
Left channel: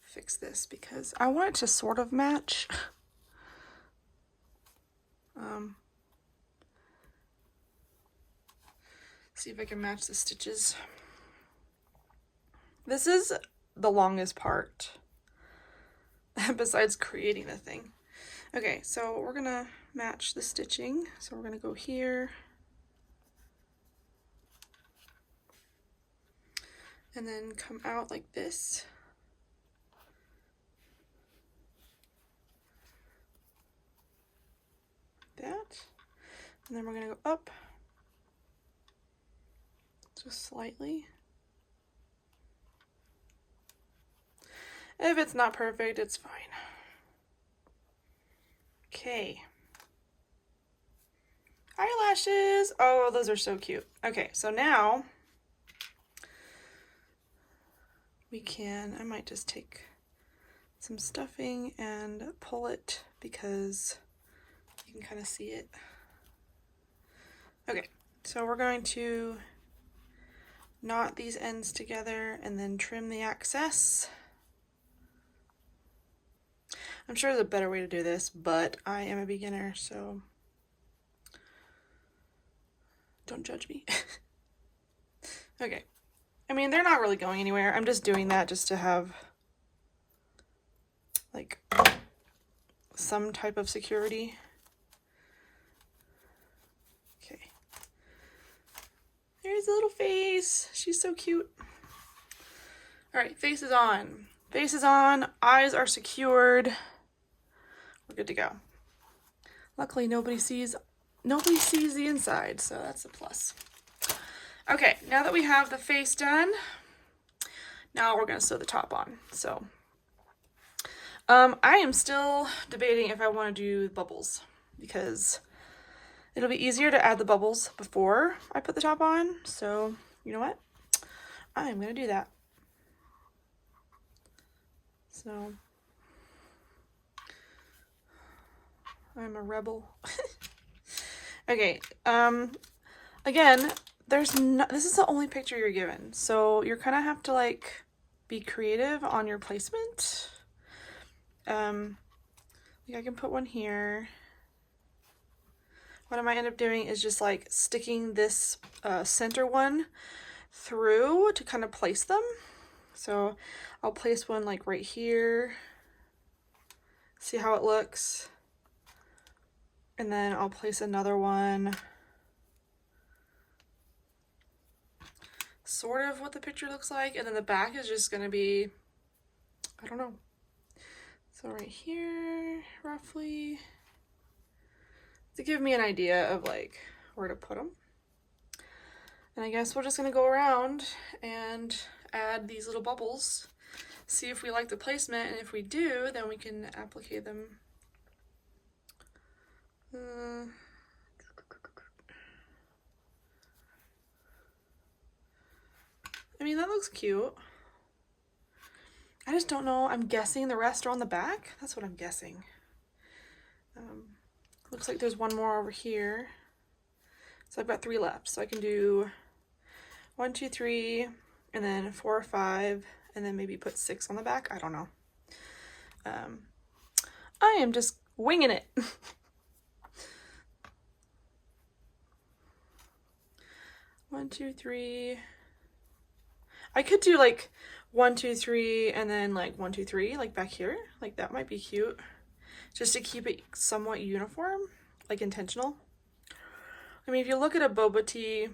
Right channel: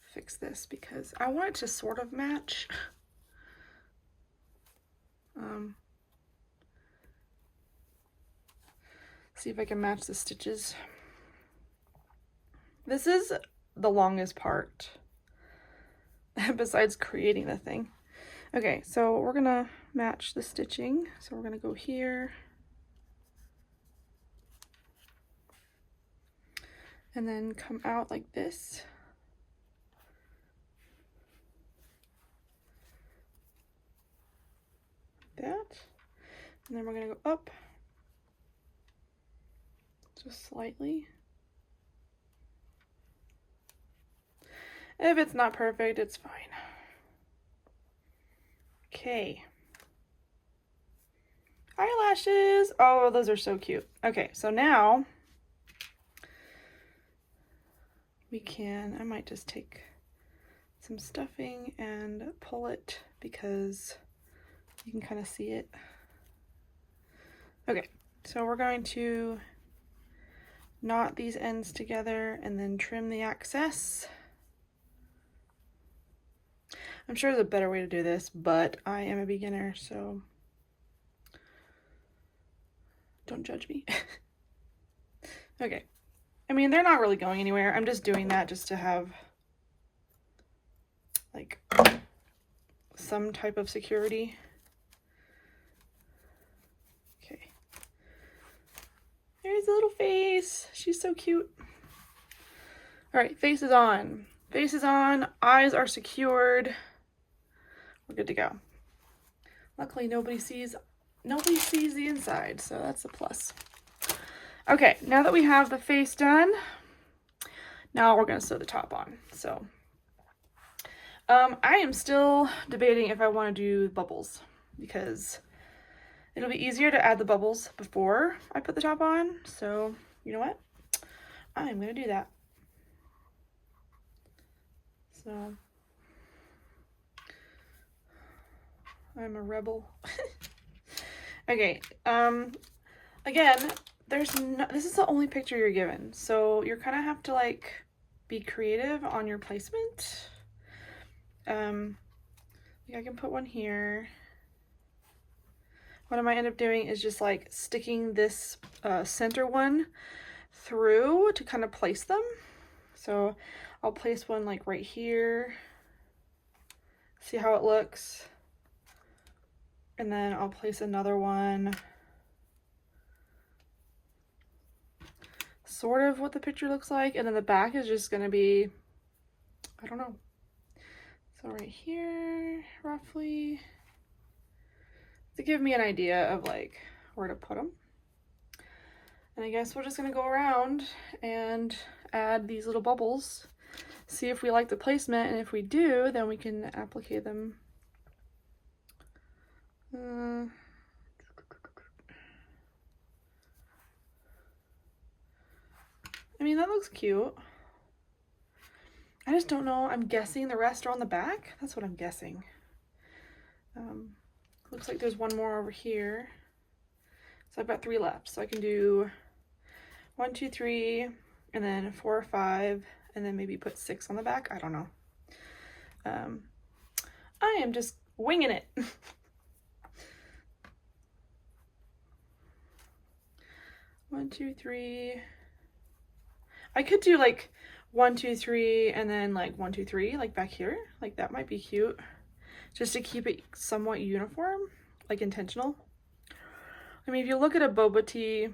fix this because I want it to sort of match. See if I can match the stitches. This is the longest part besides creating the thing. Okay, so we're gonna match the stitching. So we're gonna go here and then come out like this. That, and then we're gonna go up just slightly. If it's not perfect, it's fine. Okay. Eyelashes. Oh, those are so cute. Okay, so now we can, I might just take some stuffing and pull it because you can kind of see it. Okay, so we're going to knot these ends together and then trim the excess. I'm sure there's a better way to do this, but I am a beginner, so don't judge me. Okay, I mean, they're not really going anywhere. I'm just doing that just to have like some type of security. Okay, there's a little face. She's so cute. All right, face is on. Face is on, eyes are secured. We're good to go. Luckily, nobody sees the inside, so that's a plus. Okay, now that we have the face done, now we're gonna sew the top on. So, I am still debating if I want to do bubbles because it'll be easier to add the bubbles before I put the top on. So, you know what? I'm gonna do that. So, I'm a rebel. Okay, again, this is the only picture you're given, so you're kind of have to like be creative on your placement. Like I can put one here. What I might end up doing is just like sticking this center one through to kind of place them. So I'll place one like right here, see how it looks, and then I'll place another one sort of what the picture looks like, and then the back is just gonna be, I don't know. So right here, roughly, to give me an idea of like where to put them. And I guess we're just gonna go around and add these little bubbles, see if we like the placement, and if we do, then we can applicate them. mean, that looks cute. I just don't know. I'm guessing the rest are on the back. That's what I'm guessing. Looks like there's one more over here. So I've got 3 left. So I can do 1, 2, 3, and then 4 or 5, and then maybe put 6 on the back. I don't know. I am just winging it. 1, 2, 3. I could do like 1, 2, 3, and then like 1, 2, 3, like back here. Like that might be cute. Just to keep it somewhat uniform, like intentional. I mean, if you look at a boba tea,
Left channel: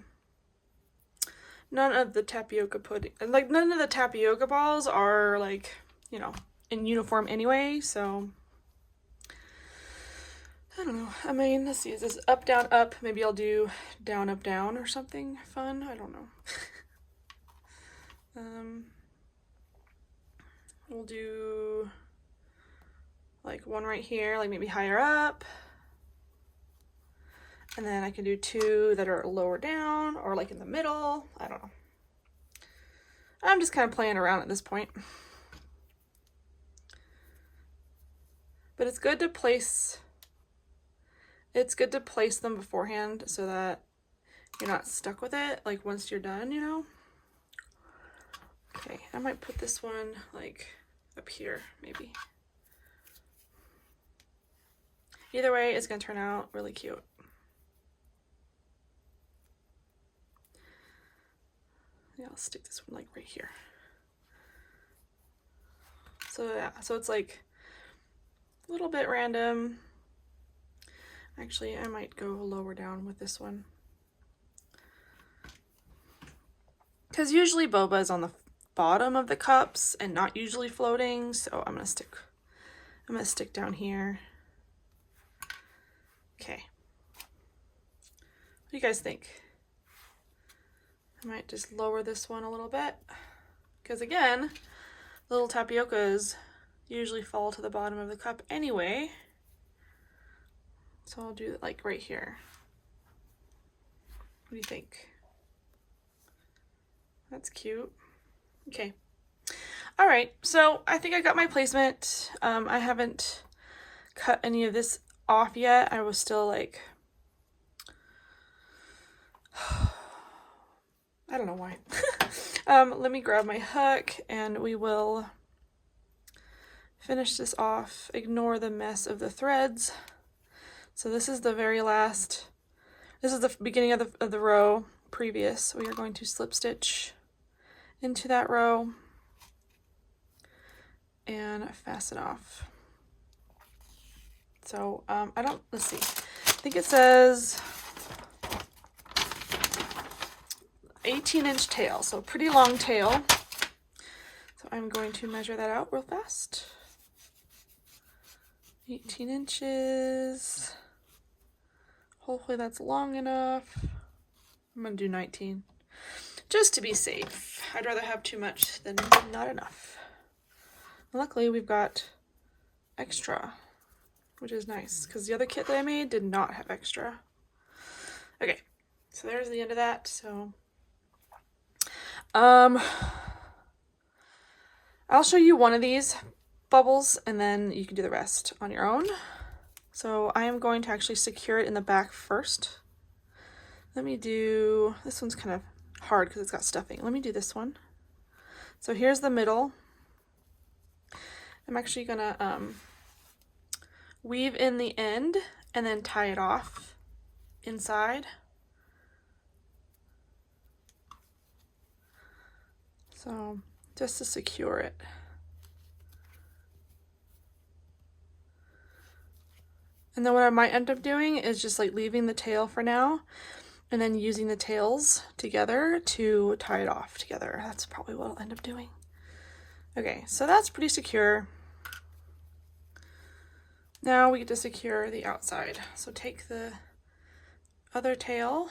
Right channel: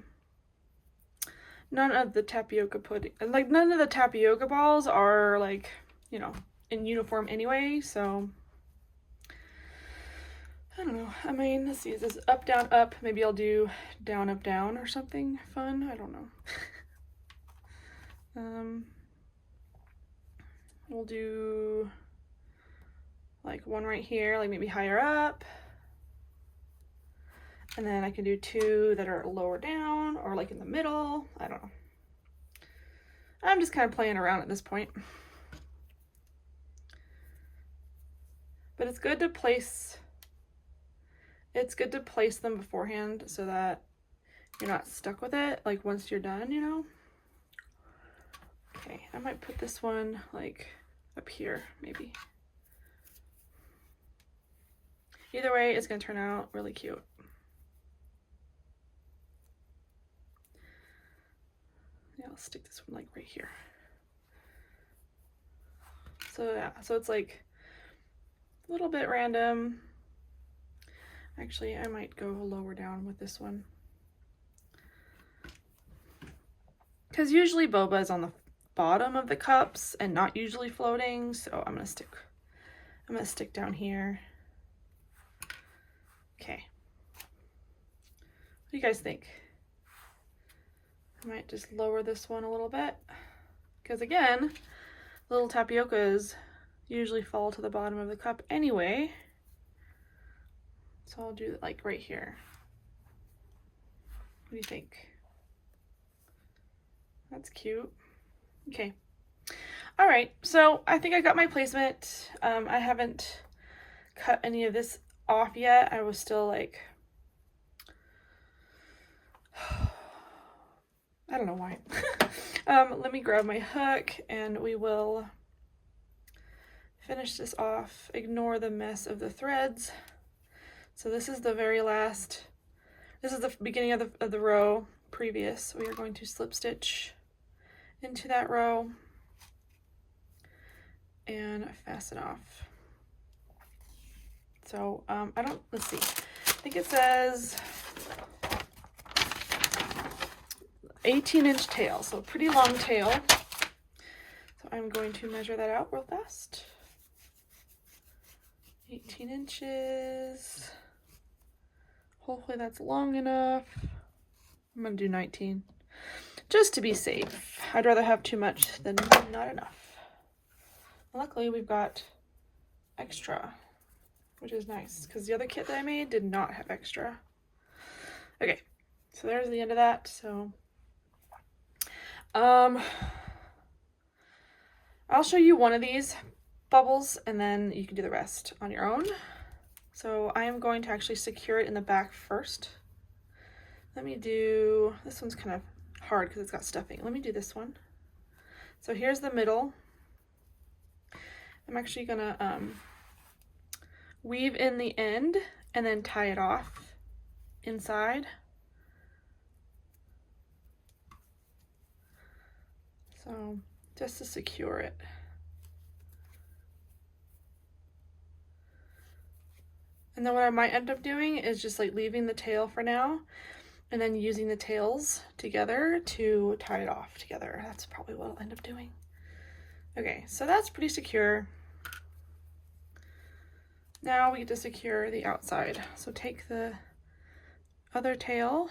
none of the tapioca pudding, like none of the tapioca balls are like, you know, in uniform anyway, so I don't know. I mean, let's see, is this up, down, up? Maybe I'll do down, up, down or something fun. I don't know. We'll do like one right here, like maybe higher up. And then I can do 2 that are lower down or like in the middle. I don't know. I'm just kind of playing around at this point. But it's good to place them beforehand so that you're not stuck with it like once you're done, you know. Okay, I might put this one like up here maybe. Either way, it's gonna turn out really cute. Yeah, I'll stick this one like right here. So yeah, so it's like a little bit random. Actually, I might go lower down with this one. Because usually boba is on the bottom of the cups and not usually floating, so I'm gonna stick down here. Okay. What do you guys think? I might just lower this one a little bit. Because again, little tapiocas usually fall to the bottom of the cup anyway. So I'll do it like right here. What do you think? That's cute. Okay. All right, so I think I got my placement. I haven't cut any of this off yet. I was still like, I don't know why. Let me grab my hook and we will finish this off. Ignore the mess of the threads. So this is the very last, this is the beginning of the row previous. We are going to slip stitch into that row and fasten off. So let's see. I think it says 18-inch tail, so a pretty long tail. So I'm going to measure that out real fast. 18 inches. Hopefully that's long enough. I'm gonna do 19, just to be safe. I'd rather have too much than not enough. Luckily we've got extra, which is nice, because the other kit that I made did not have extra. Okay, so there's the end of that. So I'll show you one of these bubbles and then you can do the rest on your own. So I am going to actually secure it in the back first. Let me do, this one's kind of hard because it's got stuffing. Let me do this one. So here's the middle. I'm actually gonna weave in the end and then tie it off inside. So just to secure it. And then what I might end up doing is just like leaving the tail for now and then using the tails together to tie it off together. That's probably what I'll end up doing. Okay, so that's pretty secure. Now we get to secure the outside. So take the other tail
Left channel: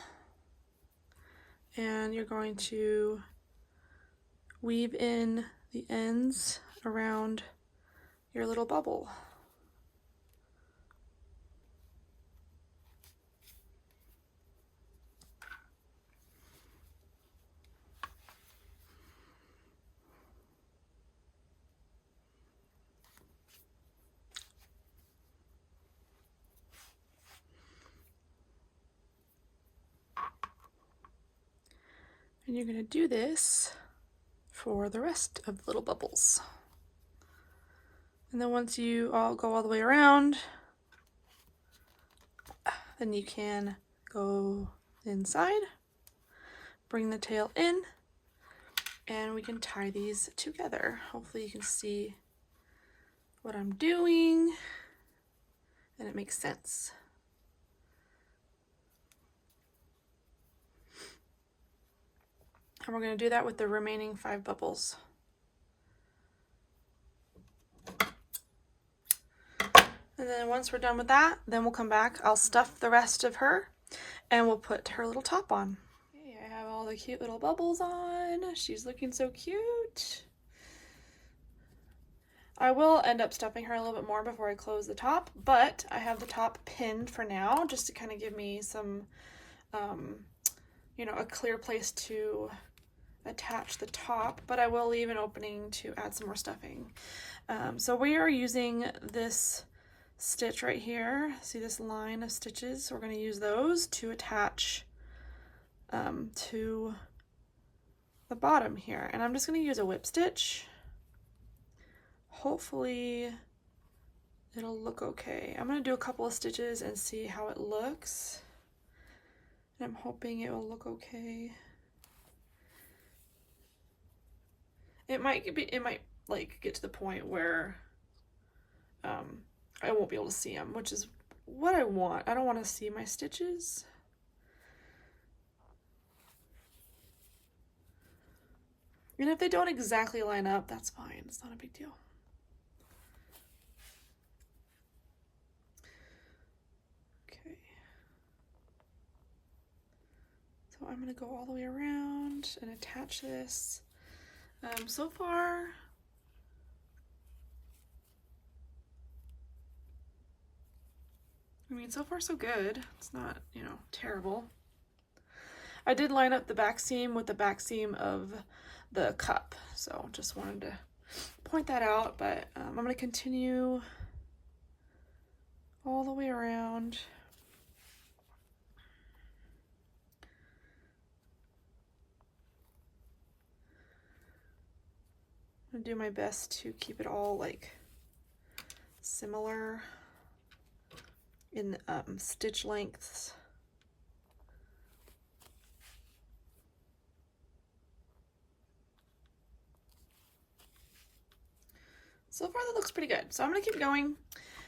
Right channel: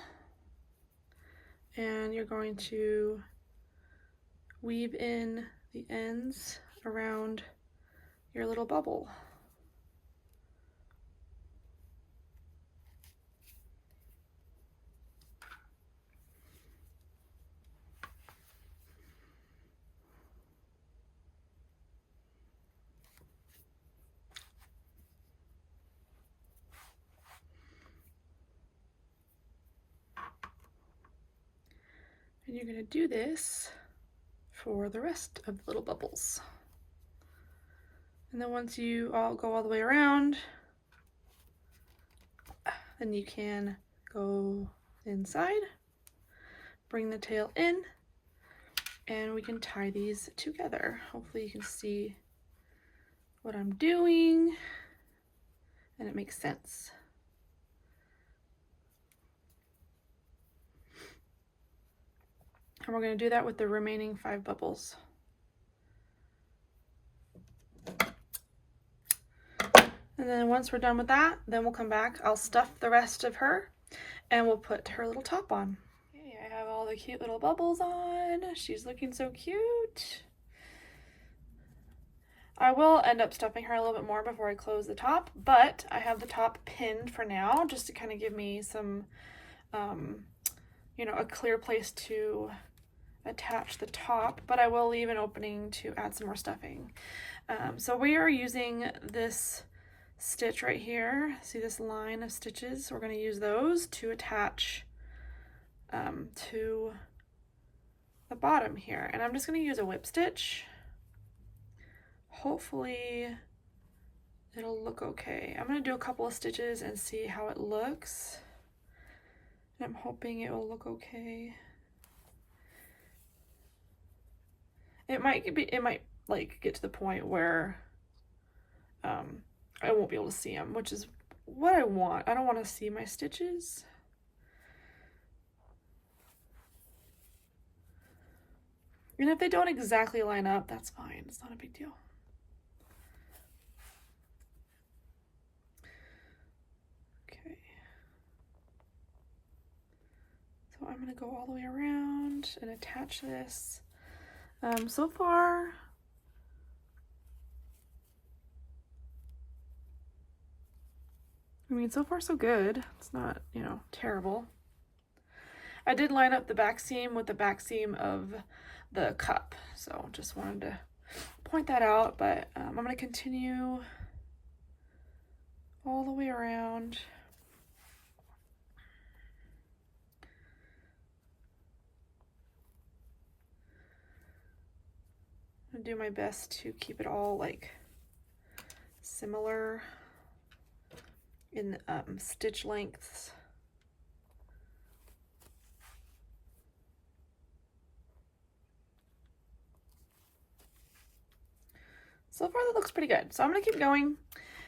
and you're going to weave in the ends around your little bubble. And you're going to do this for the rest of the little bubbles. And then once you all go all the way around, then you can go inside, bring the tail in, and we can tie these together. Hopefully you can see what I'm doing and it makes sense. And we're going to do that with the remaining 5 bubbles. And then once we're done with that, then we'll come back. I'll stuff the rest of her and we'll put her little top on. Okay, I have all the cute little bubbles on. She's looking so cute. I will end up stuffing her a little bit more before I close the top, but I have the top pinned for now just to kind of give me some, you know, a clear place to attach the top, but I will leave an opening to add some more stuffing. So we are using this stitch right here. See this line of stitches? We're going to use those to attach to the bottom here. And I'm just going to use a whip stitch. Hopefully it'll look okay. I'm going to do a couple of stitches and see how it looks. And I'm hoping it will look okay. It might like get to the point where I won't be able to see them, which is what I want. I don't want to see my stitches. And if they don't exactly line up, that's fine. It's not a big deal. Okay. So I'm going to go all the way around and attach this. So far, I mean, so far so good. It's not, you know, terrible. I did line up the back seam with the back seam of the cup, so just wanted to point that out, but I'm going to continue all the way around. I'm going to do my best to keep it all like similar in stitch lengths. So far that looks pretty good. So I'm going to keep going.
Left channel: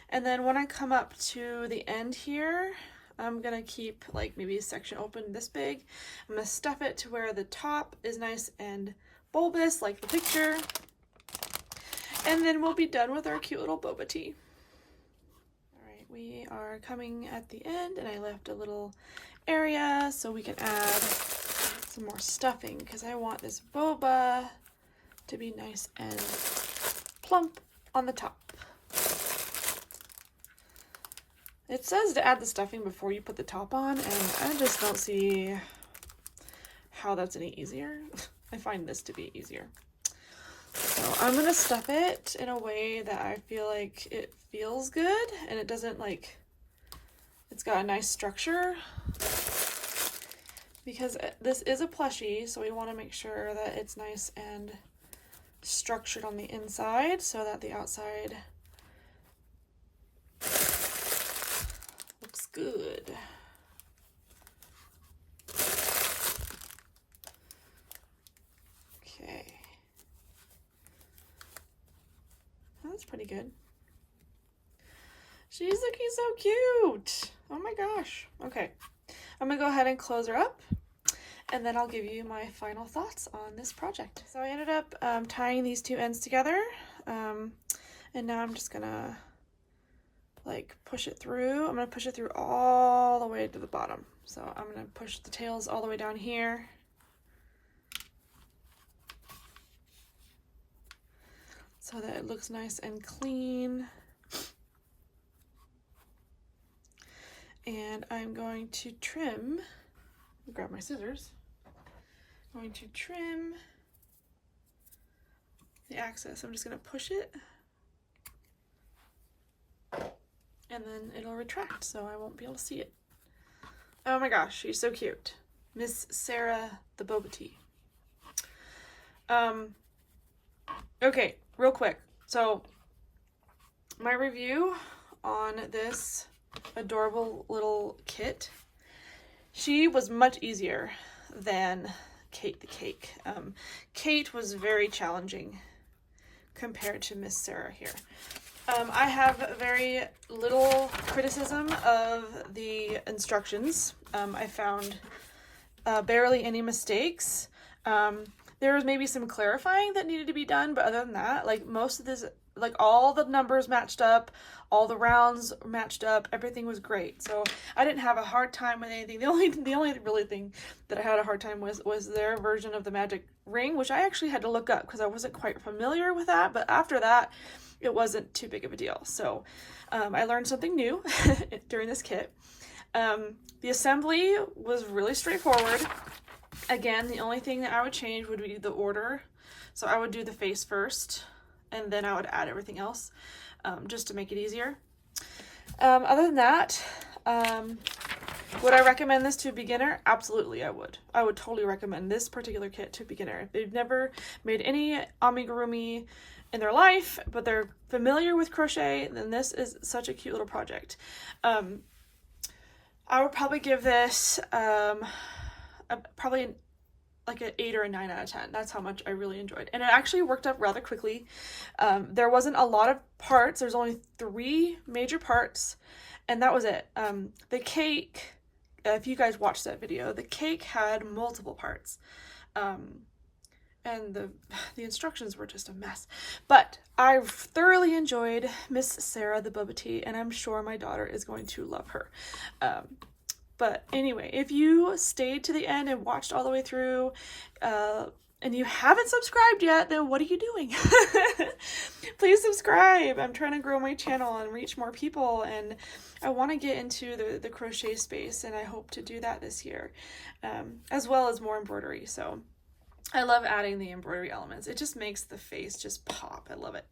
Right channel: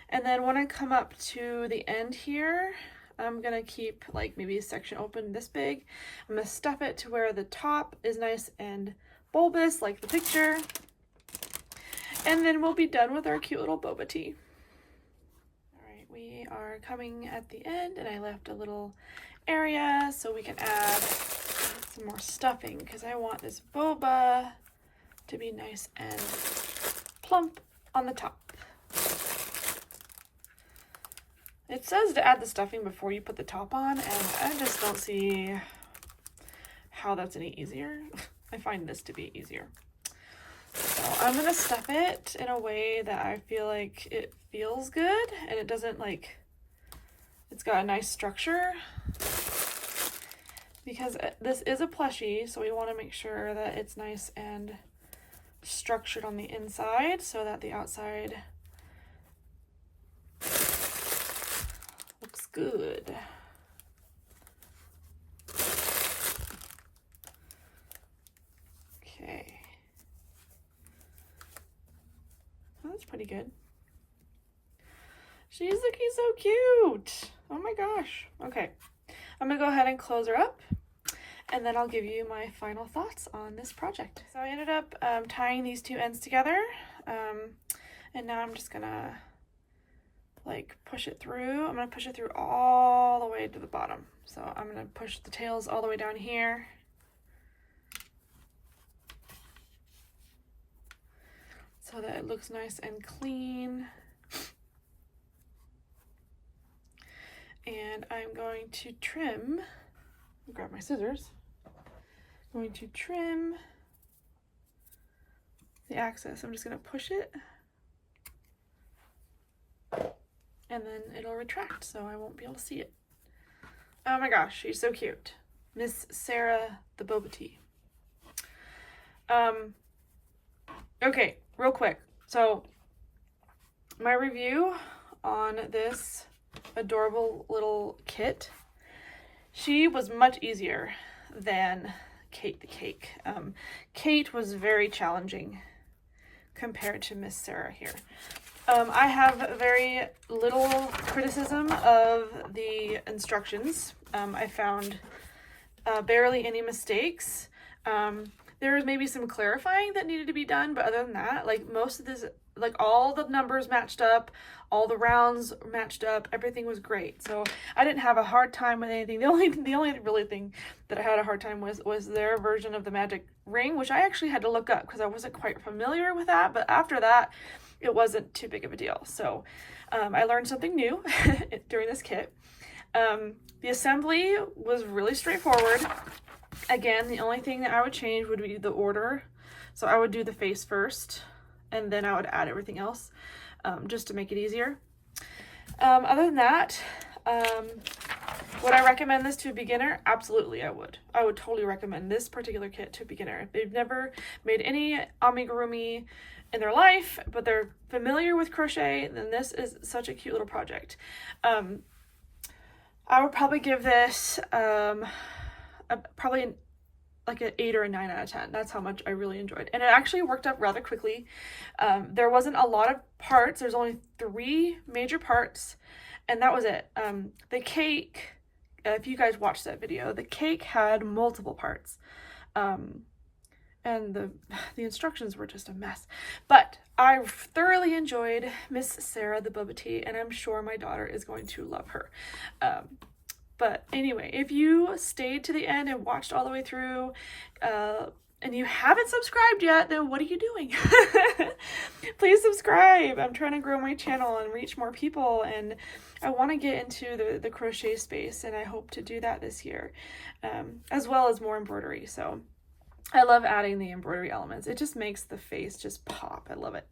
And then when I come up to the end here, I'm going to keep like maybe a section open this big. I'm going to stuff it to where the top is nice and bulbous like the picture. And then we'll be done with our cute little boba tea. All right, we are coming at the end and I left a little area so we can add some more stuffing because I want this boba to be nice and plump on the top. It says to add the stuffing before you put the top on, and I just don't see how that's any easier. I find this to be easier. So I'm going to stuff it in a way that I feel like it feels good and it doesn't like, it's got a nice structure. Because this is a plushie, so we want to make sure that it's nice and structured on the inside so that the outside looks good. Okay. Well, that's pretty good. She's looking so cute. Oh my gosh. Okay. I'm gonna go ahead and close her up and then I'll give you my final thoughts on this project. So I ended up tying these two ends together and now I'm just gonna like push it through. I'm gonna push it through all the way to the bottom. So I'm gonna push the tails all the way down here. So that it looks nice and clean. And I'm going to trim, grab my scissors, I'm going to trim the axis. I'm just going to push it and then it'll retract so I won't be able to see it. Oh my gosh, she's so cute. Miss Sarah the Boba Tea. Okay, real quick. So my review on this adorable little kit, she was much easier than Kate the Cake. Kate was very challenging compared to Miss Sarah here. I have very little criticism of the instructions. I found barely any mistakes. There was maybe some clarifying that needed to be done, but other than that, like most of this, like all the numbers matched up, all the rounds matched up, everything was great. So I didn't have a hard time with anything. The only really thing that I had a hard time with was their version of the magic ring, which I actually had to look up because I wasn't quite familiar with that. But after that, it wasn't too big of a deal. So I learned something new during this kit. The assembly was really straightforward. Again, the only thing that I would change would be the order. So I would do the face first, and then I would add everything else, just to make it easier. Other than that, would I recommend this to a beginner? Absolutely, I would. I would totally recommend this particular kit to a beginner. If they've never made any amigurumi in their life, but they're familiar with crochet, then this is such a cute little project. I would probably give this probably like an 8 or a 9 out of 10. That's how much I really enjoyed. And it actually worked up rather quickly. There wasn't a lot of parts. There's only 3 major parts, and that was it. The cake, if you guys watched that video, the cake had multiple parts. And the instructions were just a mess. But I thoroughly enjoyed Miss Sarah the Boba Tea, and I'm sure my daughter is going to love her. But anyway, if you stayed to the end and watched all the way through, and you haven't subscribed yet, then what are you doing? Please subscribe. I'm trying to grow my channel and reach more people, and I want to get into the crochet space, and I hope to do that this year, as well as more embroidery. So I love adding the embroidery elements. It just makes the face just pop. I love it.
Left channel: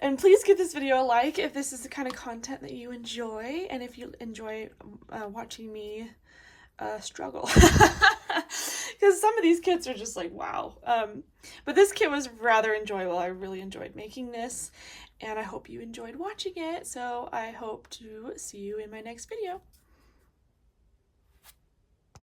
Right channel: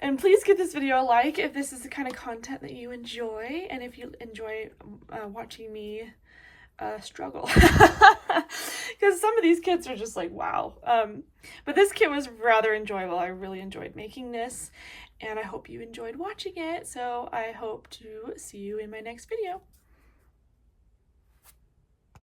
And please give this video a like if this is the kind of content that you enjoy, and if you enjoy watching me struggle. Because some of these kits are just like, wow. But this kit was rather enjoyable. I really enjoyed making this, and I hope you enjoyed watching it. So I hope to see you in my next video.